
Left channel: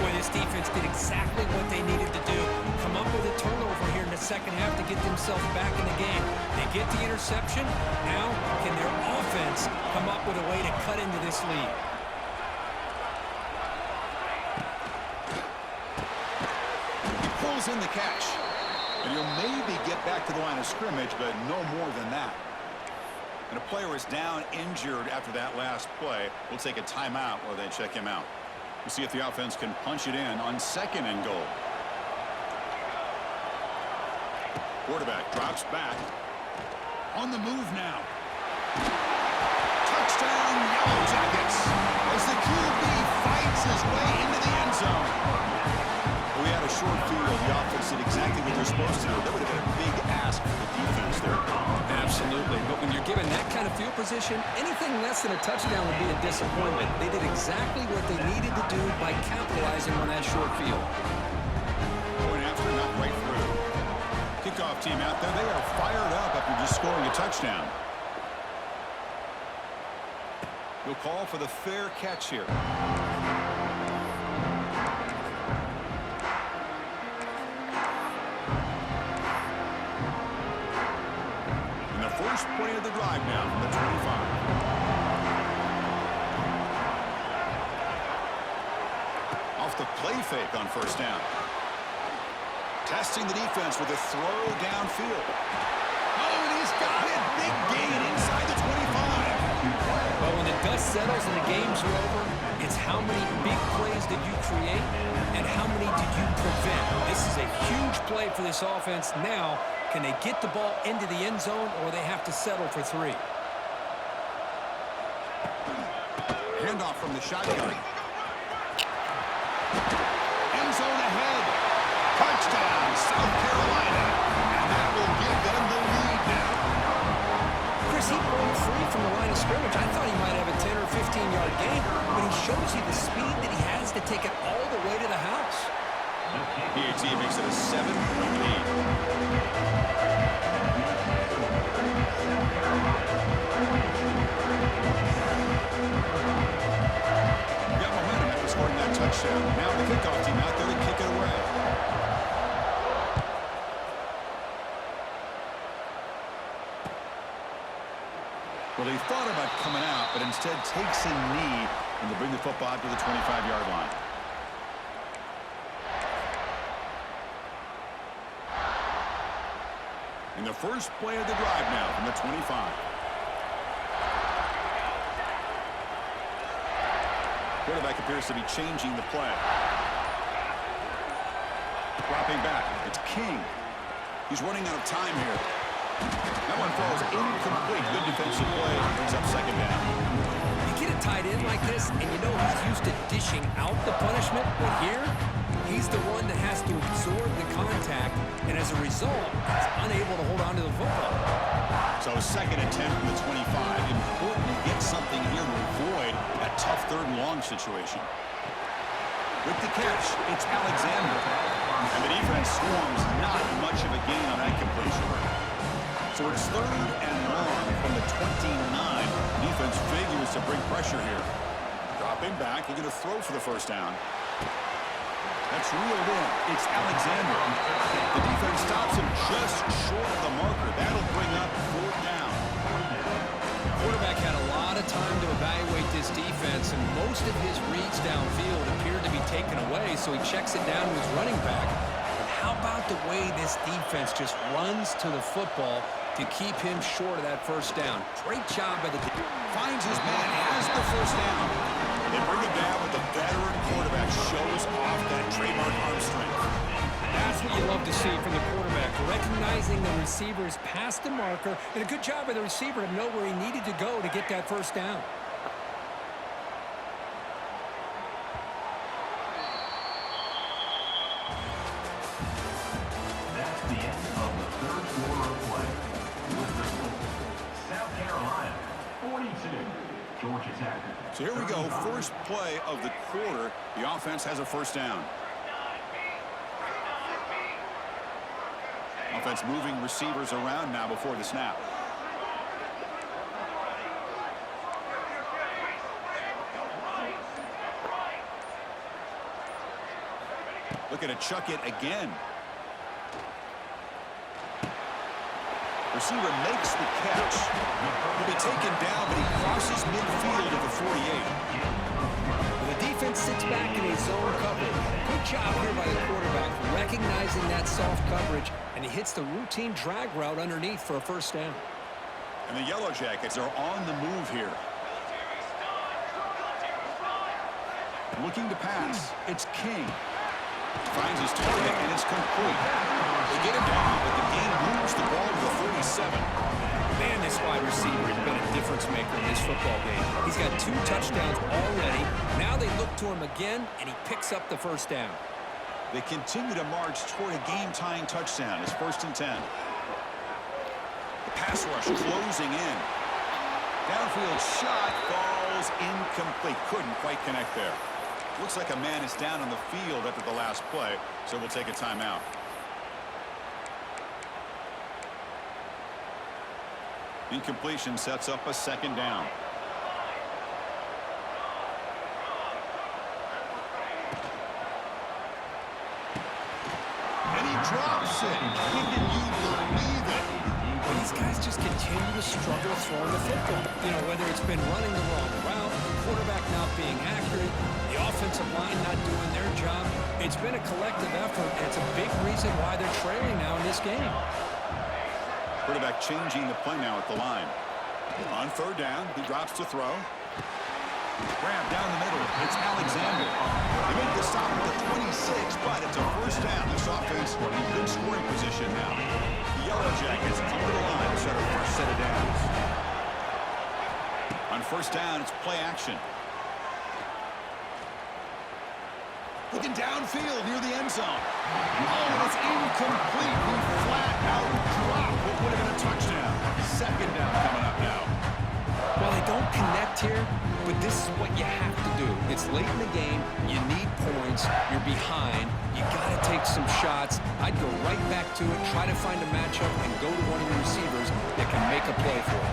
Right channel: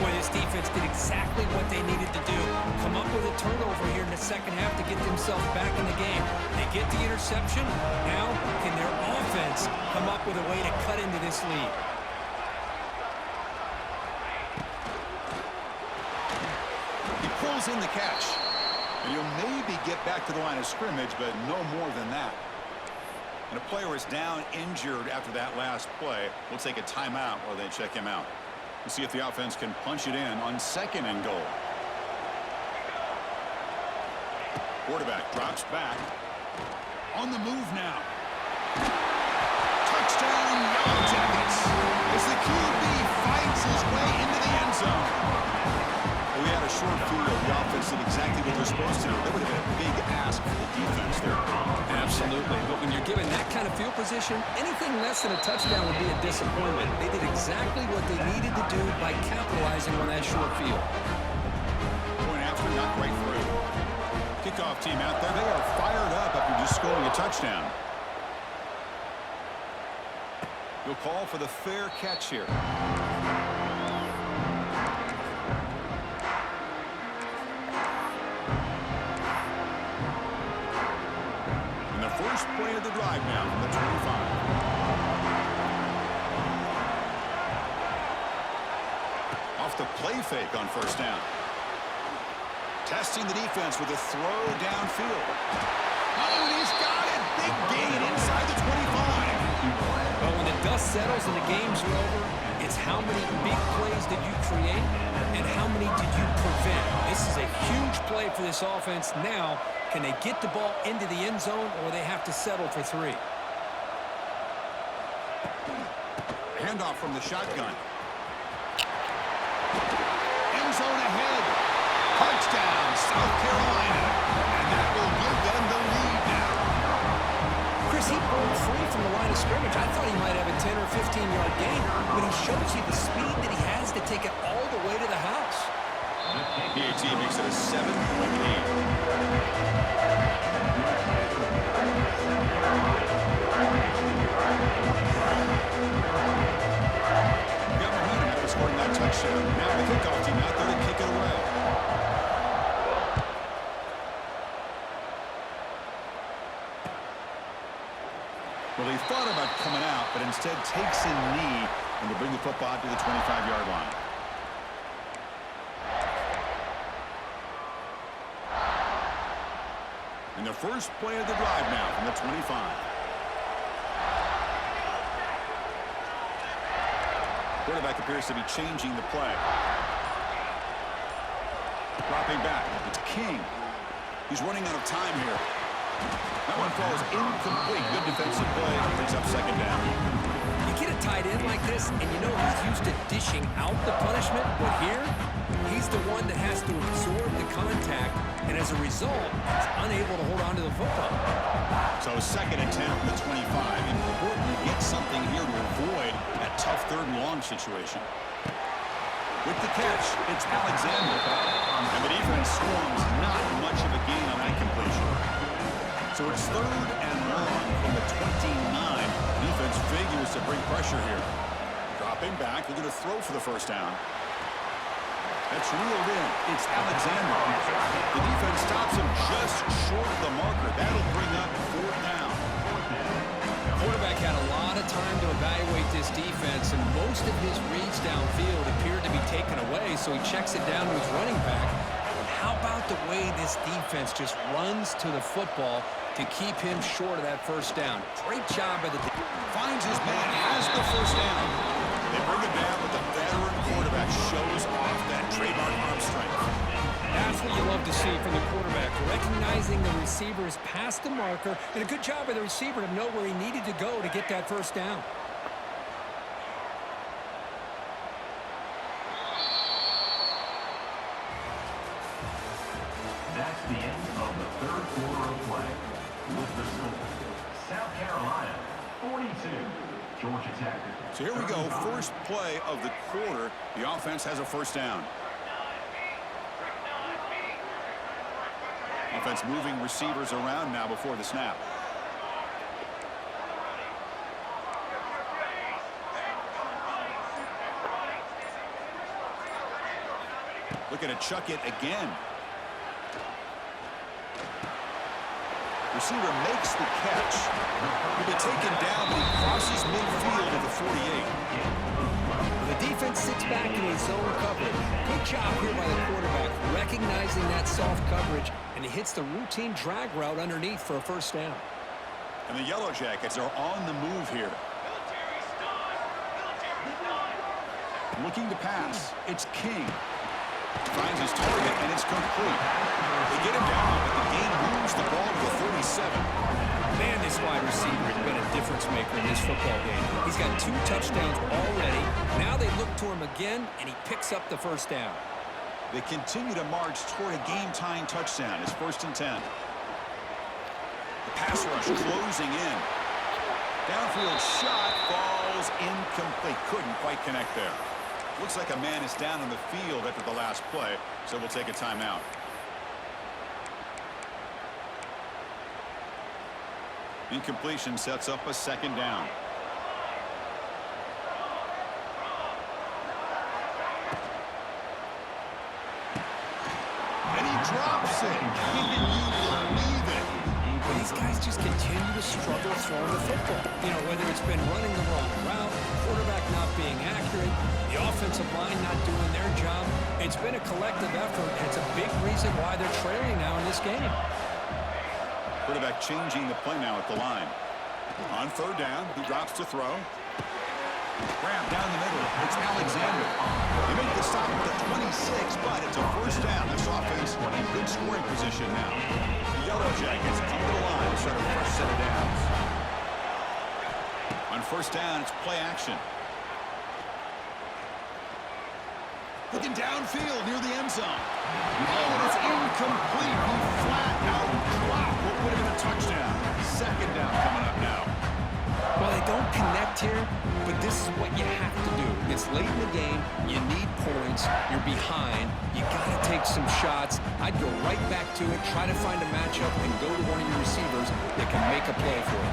Boy, this defense did exactly what they needed to do. Come up with a turnover here in the second half to get themselves back in the game. They get the interception. Now, can their offense come up with a way to cut into this lead? He pulls in the catch. And he'll maybe get back to the line of scrimmage, but no more than that. And a player is down injured after that last play. We'll take a timeout while they check him out. We'll see if the offense can punch it in on second and goal. Quarterback drops back. On the move now. Touchdown, Yellow Jackets, as the QB fights his way into the end zone. We had a short field. The offense did exactly what they're supposed to do. That would have been a big ask for the defense there. Absolutely. But when you're given that kind of field position, anything less than a touchdown would be a disappointment. They did exactly what they needed to do by capitalizing on that short field. Point after, not right through. Kickoff team out there. They are fired up after just scoring a touchdown. He'll call for the fair catch here. First play of the drive now from the 25. Off the play fake on first down. Testing the defense with a throw downfield. Oh, and he's got it. Big gain inside the 25. But when the dust settles and the games are over, it's how many big plays did you create and how many did you prevent. This is a huge play for this offense. Now Can they get the ball into the end zone, or they have to settle for 3? Handoff from the shotgun. End zone ahead. Touchdown, South Carolina. And that will give them the lead now. Chris, he broke free from the line of scrimmage. I thought he might have a 10 or 15-yard gain, but he shows you the speed that he has to take it all the way to the house. PAT makes it a 7-point lead. Got momentum after scoring that touchdown. Now the kickoff team out there to kick it away. Well, he thought about coming out, but instead takes a knee, and they bring the football out to the 25-yard line. And the first play of the drive now from the 25. Quarterback appears to be changing the play. Dropping back. It's King. He's running out of time here. That one falls incomplete. Good defensive play. Brings up second down. You get a tight end like this, and you know he's used to dishing out the punishment, but here, he's the one that has to absorb the contact, and as a result, he's unable to hold on to the football. So second and 10 from the 25. Important to get something here to avoid that tough third and long situation. With the catch, it's Alexander. And the defense swarms not much of a gain on that completion. So it's third and long from the 29. Defense figures to bring pressure here. Dropping back, they're going to throw for the first down. That's reeled in. It's Alexander. The defense stops him just short of the marker. That'll bring up fourth down. Quarterback had a lot of time to evaluate this defense, and most of his reads downfield appeared to be taken away, so he checks it down to his running back. And how about the way this defense just runs to the football to keep him short of that first down? Great job by the defense. Finds his man, has the first down. They bring it down, but the veteran quarterback shows off that trademark arm strength. That's what you love to see from the quarterback, recognizing the receiver's past the marker, and a good job by the receiver to know where he needed to go to get that first down. That's the end of the third quarter of play. With the score, South Carolina 42, Georgia Tech. So here we go, first play of the quarter. The offense has a first down. Offense moving receivers around now before the snap. Looking to chuck it again. Receiver makes the catch. He'll be taken down, but he crosses midfield at the 48. Well, the defense sits back in a zone coverage. Good job here by the quarterback, recognizing that soft coverage, and he hits the routine drag route underneath for a first down. And the Yellow Jackets are on the move here. Looking to pass. It's King. Finds his target, and it's complete. They get him down, but the game moves the ball to the 37. Man, this wide receiver has been a difference maker in this football game. He's got 2 touchdowns already. Now they look to him again, and he picks up the first down. They continue to march toward a game-tying touchdown. It's first and 10. The pass rush closing in. Downfield shot falls incomplete. Couldn't quite connect there. Looks like a man is down on the field after the last play, so we'll take a timeout. Incompletion sets up a second down. And he drops it. Can you believe it? But these guys just continue to struggle throwing the football. You know, whether it's been running the wrong route, quarterback not being accurate, the offensive line not doing their job. It's been a collective effort, and it's a big reason why they're trailing now in this game. Quarterback changing the play now at the line. On third down, he drops to throw. Grab down the middle. It's Alexander. They make the stop at the 26, but it's a first down. This offense in good scoring position now. The Yellow Jackets come to the line to start a fresh set of downs. On first down, it's play action. Looking downfield near the end zone. Oh, and it's incomplete. He flat out dropped what would have been a touchdown. Second down coming up now. Well, they don't connect here, but this is what you have to do. It's late in the game. You need points. You're behind. You got to take some shots. I'd go right back to it, try to find a matchup, and go to one of your receivers that can make a play for you.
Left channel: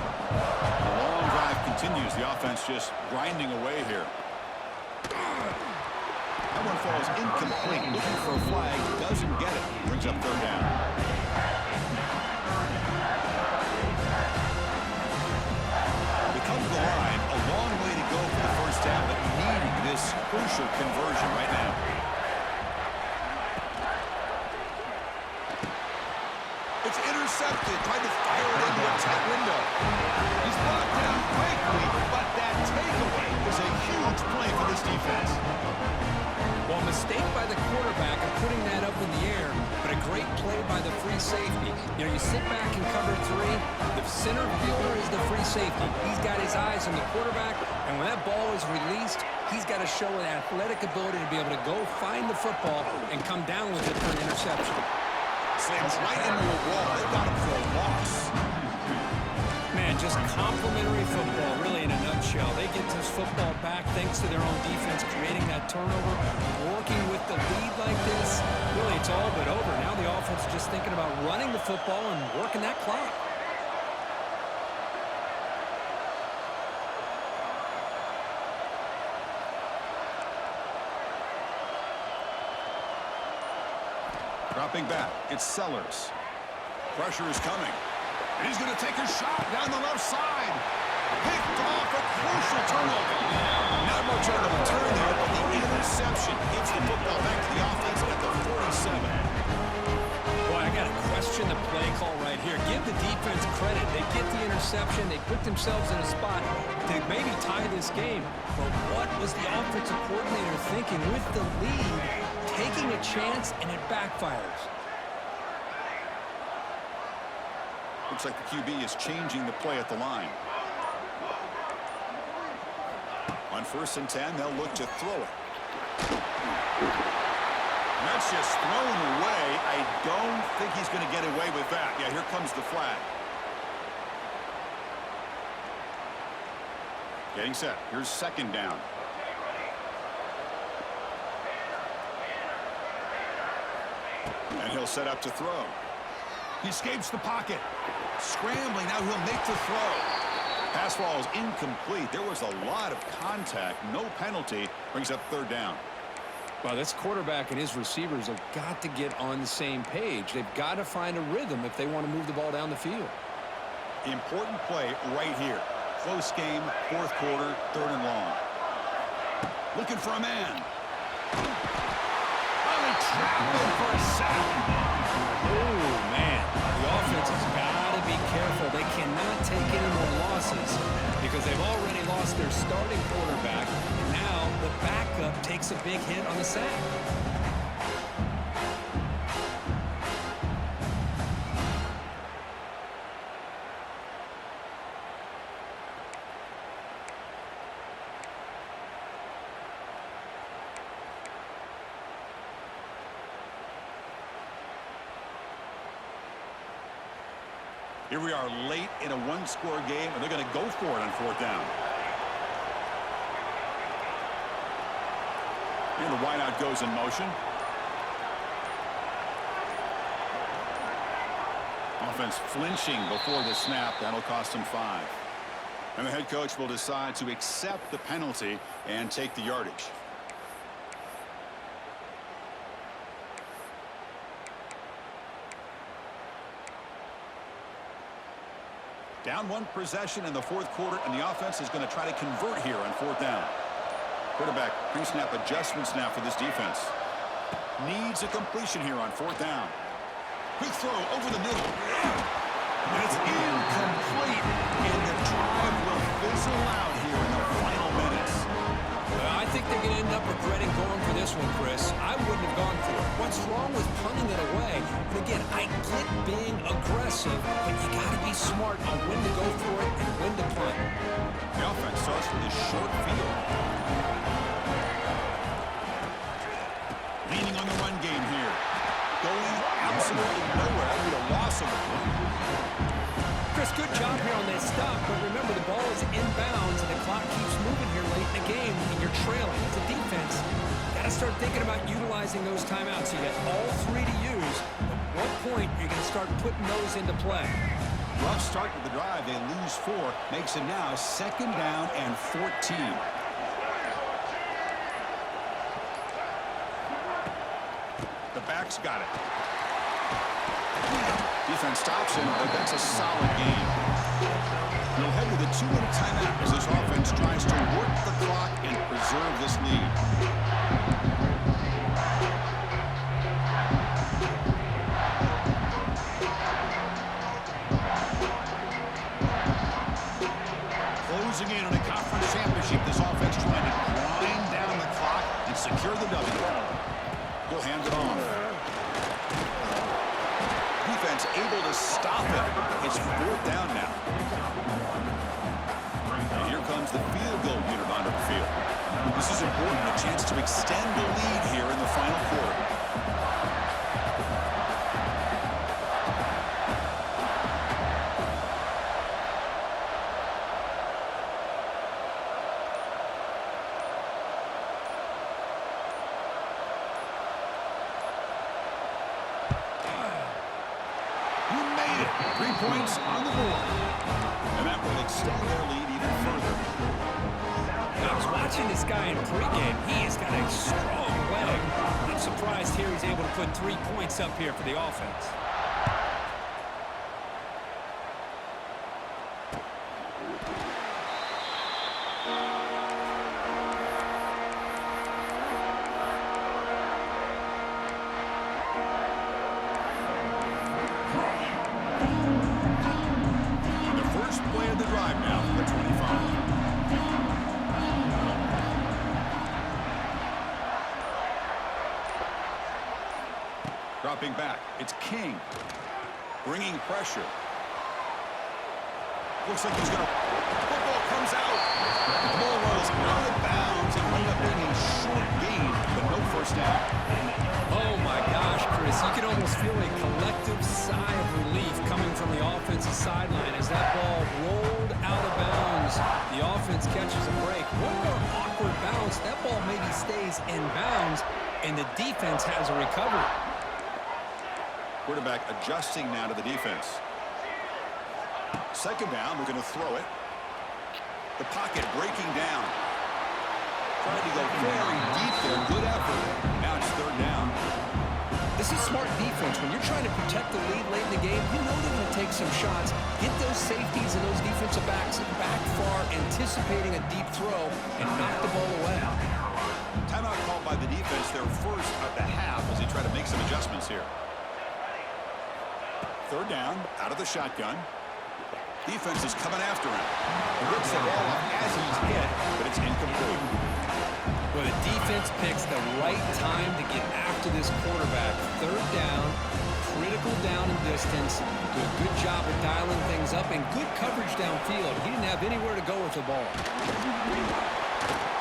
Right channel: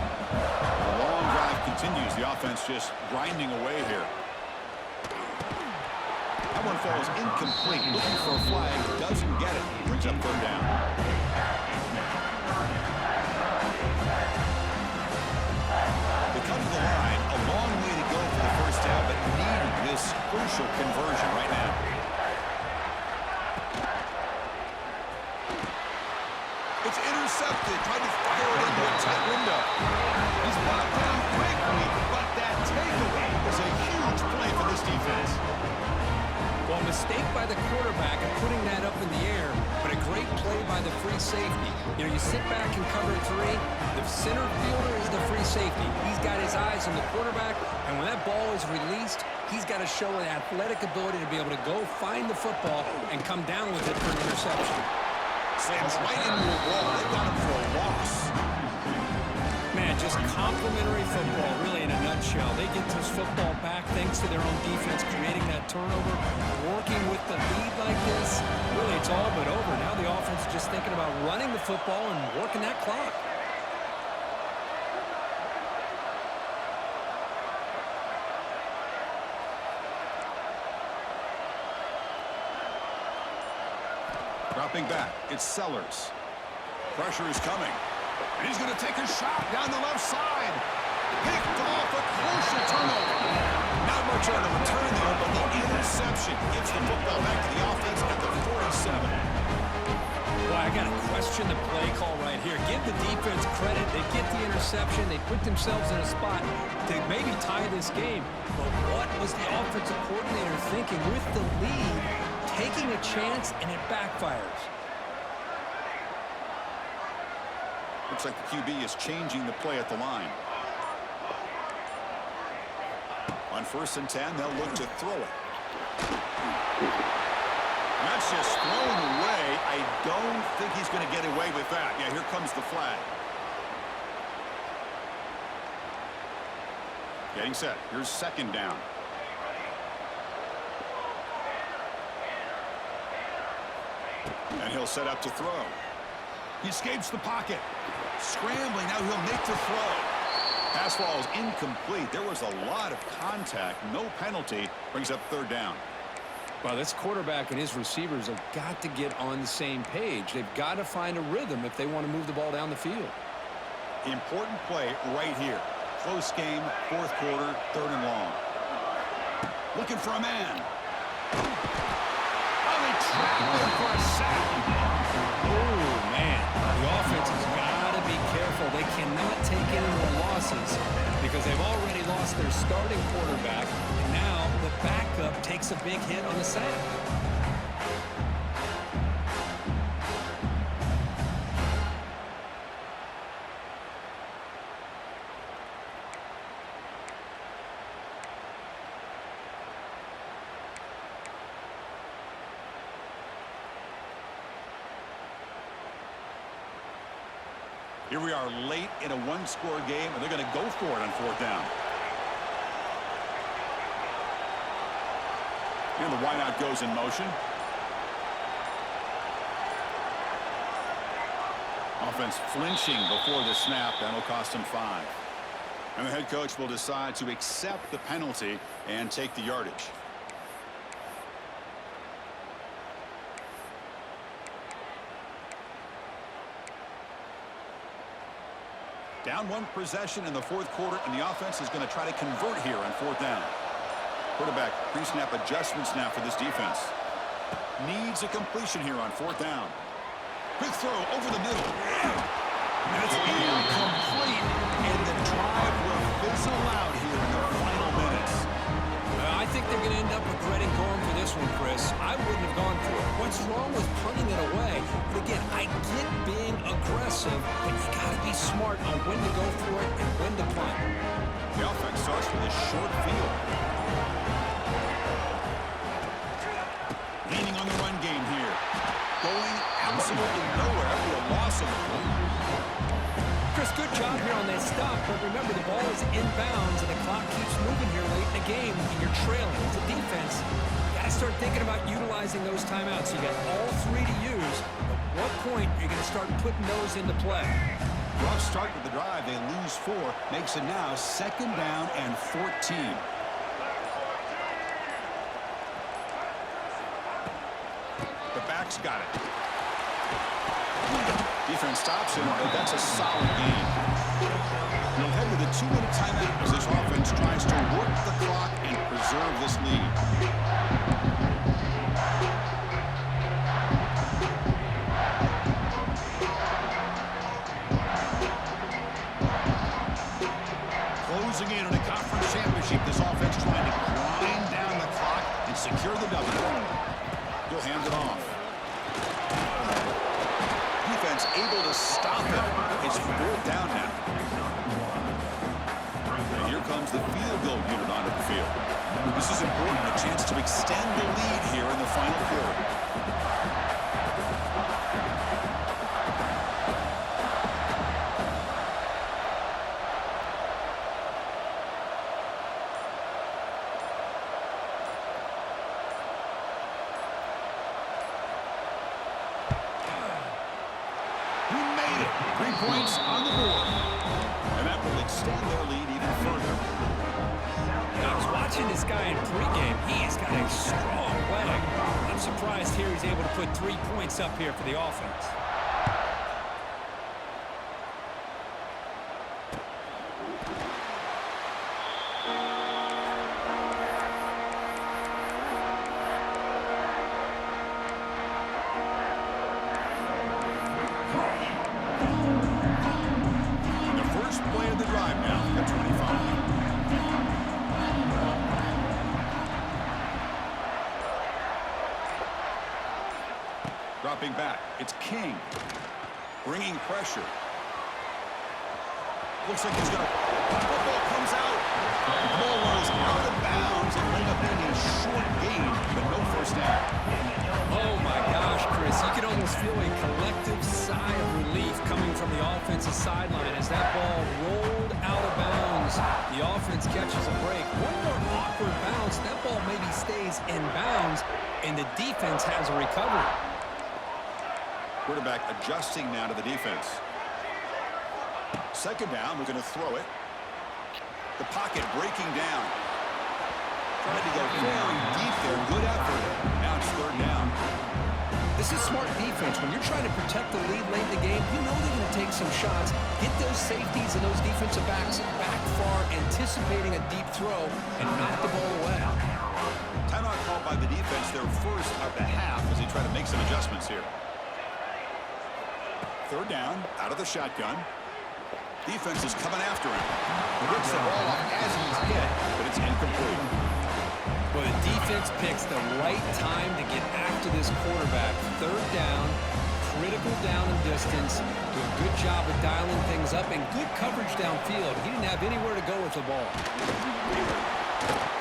The long drive continues. The offense just grinding away here. That one falls incomplete. Looking for a flag. Doesn't get it. Brings up third down. They come to the line. A long way to go for the first down, but needing this crucial conversion right now. It's intercepted. Tried to fire it into a tight window. He's brought down quickly, but that takeaway is a huge play for this defense. Well, a mistake by the quarterback of putting that up in the air, but a great play by the free safety. You know, you sit back and cover three. The center fielder is the free safety. He's got his eyes on the quarterback, and when that ball is released, he's got to show an athletic ability to be able to go find the football and come down with it for an interception. Slams right into a wall. They got him for a loss. Man, just complimentary football, really, in a nutshell. They get this football back thanks to their own defense, creating that turnover, working with the lead like this. Really, it's all but over. Now the offense is just thinking about running the football and working that clock. Dropping back, it's Sellers. Pressure is coming. And he's going to take a shot down the left side. Picked off a crucial turnover. Not much on the return there, but the interception gives the football back to the offense at the 47. Boy, I got to question the play call right here. Give the defense credit. They get the interception. They put themselves in a spot to maybe tie this game. But what was the offensive coordinator thinking with the lead, taking a chance, and it backfires? Looks like the QB is changing the play at the line. On 1st and 10, they'll look to throw it. And that's just thrown away. I don't think he's going to get away with that. Yeah, here comes the flag. Getting set. Here's second down. And he'll set up to throw. He escapes the pocket. Scrambling, now he'll make the throw. Pass ball is incomplete. There was a lot of contact. No penalty. Brings up third down. Well, this quarterback and his receivers have got to get on the same page. They've got to find a rhythm if they want to move the ball down the field. Important play right here. Close game, 4th quarter, 3rd and long. Looking for a man. Oh, they trap him for a sack. Oh, man. The offense has got to be careful. They cannot take any more losses because they've already lost their starting quarterback, and now the backup takes a big hit on the sack. Here we are late in a one-score game, and they're going to go for it on 4th down. And the wideout goes in motion. Offense flinching before the snap. That'll cost him 5. And the head coach will decide to accept the penalty and take the yardage. Down 1 possession in the 4th quarter, and the offense is going to try to convert here on 4th down. Quarterback pre-snap adjustments now for this defense. Needs a completion here on 4th down. Quick throw over the middle. And it's incomplete, and the drive will fizzle out here in the final minutes. I think they're going to end up regretting going for this one, Chris. I wouldn't have gone for it. What's wrong with punting it away? And again, I get being aggressive, but you got to be smart on when to go for it and when to punt. The offense starts with a short field. Leaning on the run game here. Going absolutely nowhere. That would be a loss of the play. Chris, good job here on that stop, but remember the ball is inbounds and the clock keeps moving here late in the game and you're trailing. As a defense, you got to start thinking about utilizing those timeouts. You got all three to use. At what point are you going to start putting those into play? Rough start to the drive. They lose 4. Makes it now 2nd down and 14. The back's got it. Defense stops him, but that's a solid game. We'll head to the 2-minute timeout as this offense tries to work the clock and preserve this lead. Closing in on a conference championship, this offense trying to grind down the clock and secure the W. He'll hand it off. Defense able to stop him. It's 4th down now. And here comes the field goal unit onto the field. This is important, a chance to extend the lead here in the final quarter. He made it. 3 points on the board. And that will extend their lead even further. I was watching this guy in pregame. He has got a strong leg. I'm surprised here he's able to put 3 points up here for the offense. The first play of the drive now, the 25. Dropping back, it's King. Bringing pressure. Looks like he's going to... Football comes out. The ball rolls out of bounds and end up being a short gain, but no first down. Oh my gosh, Chris, you can almost feel a collective sigh of relief coming from the offensive sideline as that ball rolled out of bounds. The offense catches a break. One more awkward bounce, that ball maybe stays in bounds, and the defense has a recovery. Quarterback adjusting now to the defense. 2nd down, we're going to throw it. The pocket breaking down. Tried to go very deep there. Good effort. Now it's 3rd down. This is smart defense. When you're trying to protect the lead late in the game, you know they're going to take some shots. Get those safeties and those defensive backs back far, anticipating a deep throw, and knock the ball away. Timeout called by the defense, their first of the half, as they try to make some adjustments here. 3rd down, out of the shotgun. Defense is coming after him. Gets the ball off as he's hit, but it's incomplete. Well, the defense picks the right time to get after this quarterback. 3rd down, critical down and distance. Do a good job of dialing things up and good coverage downfield. He didn't have anywhere to go with the ball.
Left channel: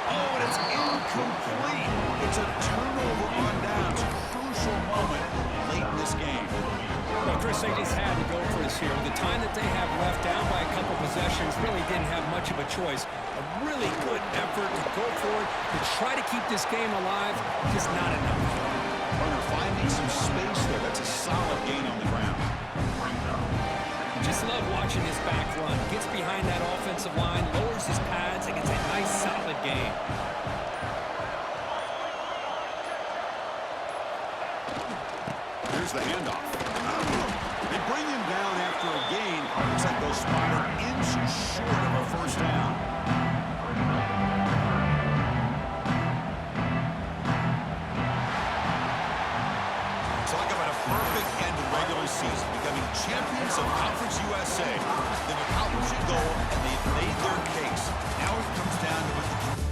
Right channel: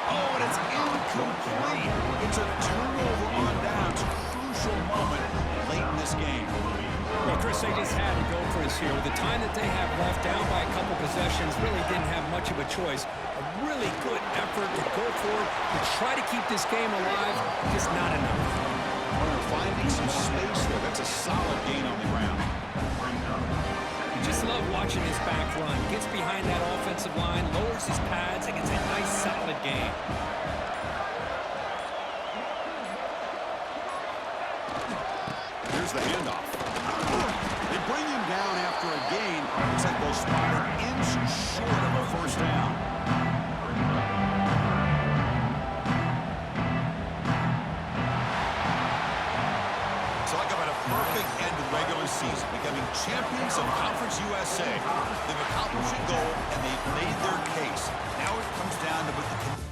Oh, and it's incomplete. It's a turnover on downs. Crucial moment late in this game. Well, Chris, they just had to go for this here. With the time that they have left, down by a couple possessions, really didn't have much of a choice. A really good effort to go for it, to try to keep this game alive, just not enough. Runner finding some space there. That's a solid gain on the ground. Just love watching this back run. Gets behind that offensive line, lowers his pads, and gets a nice, solid gain. Here's the handoff. They bring him down after a gain. Looks like they'll spot an inch short of a first down. Talk about a perfect end to regular season, becoming champions of Conference USA. They've accomplished a goal, and they've made their case. Now it comes down to what the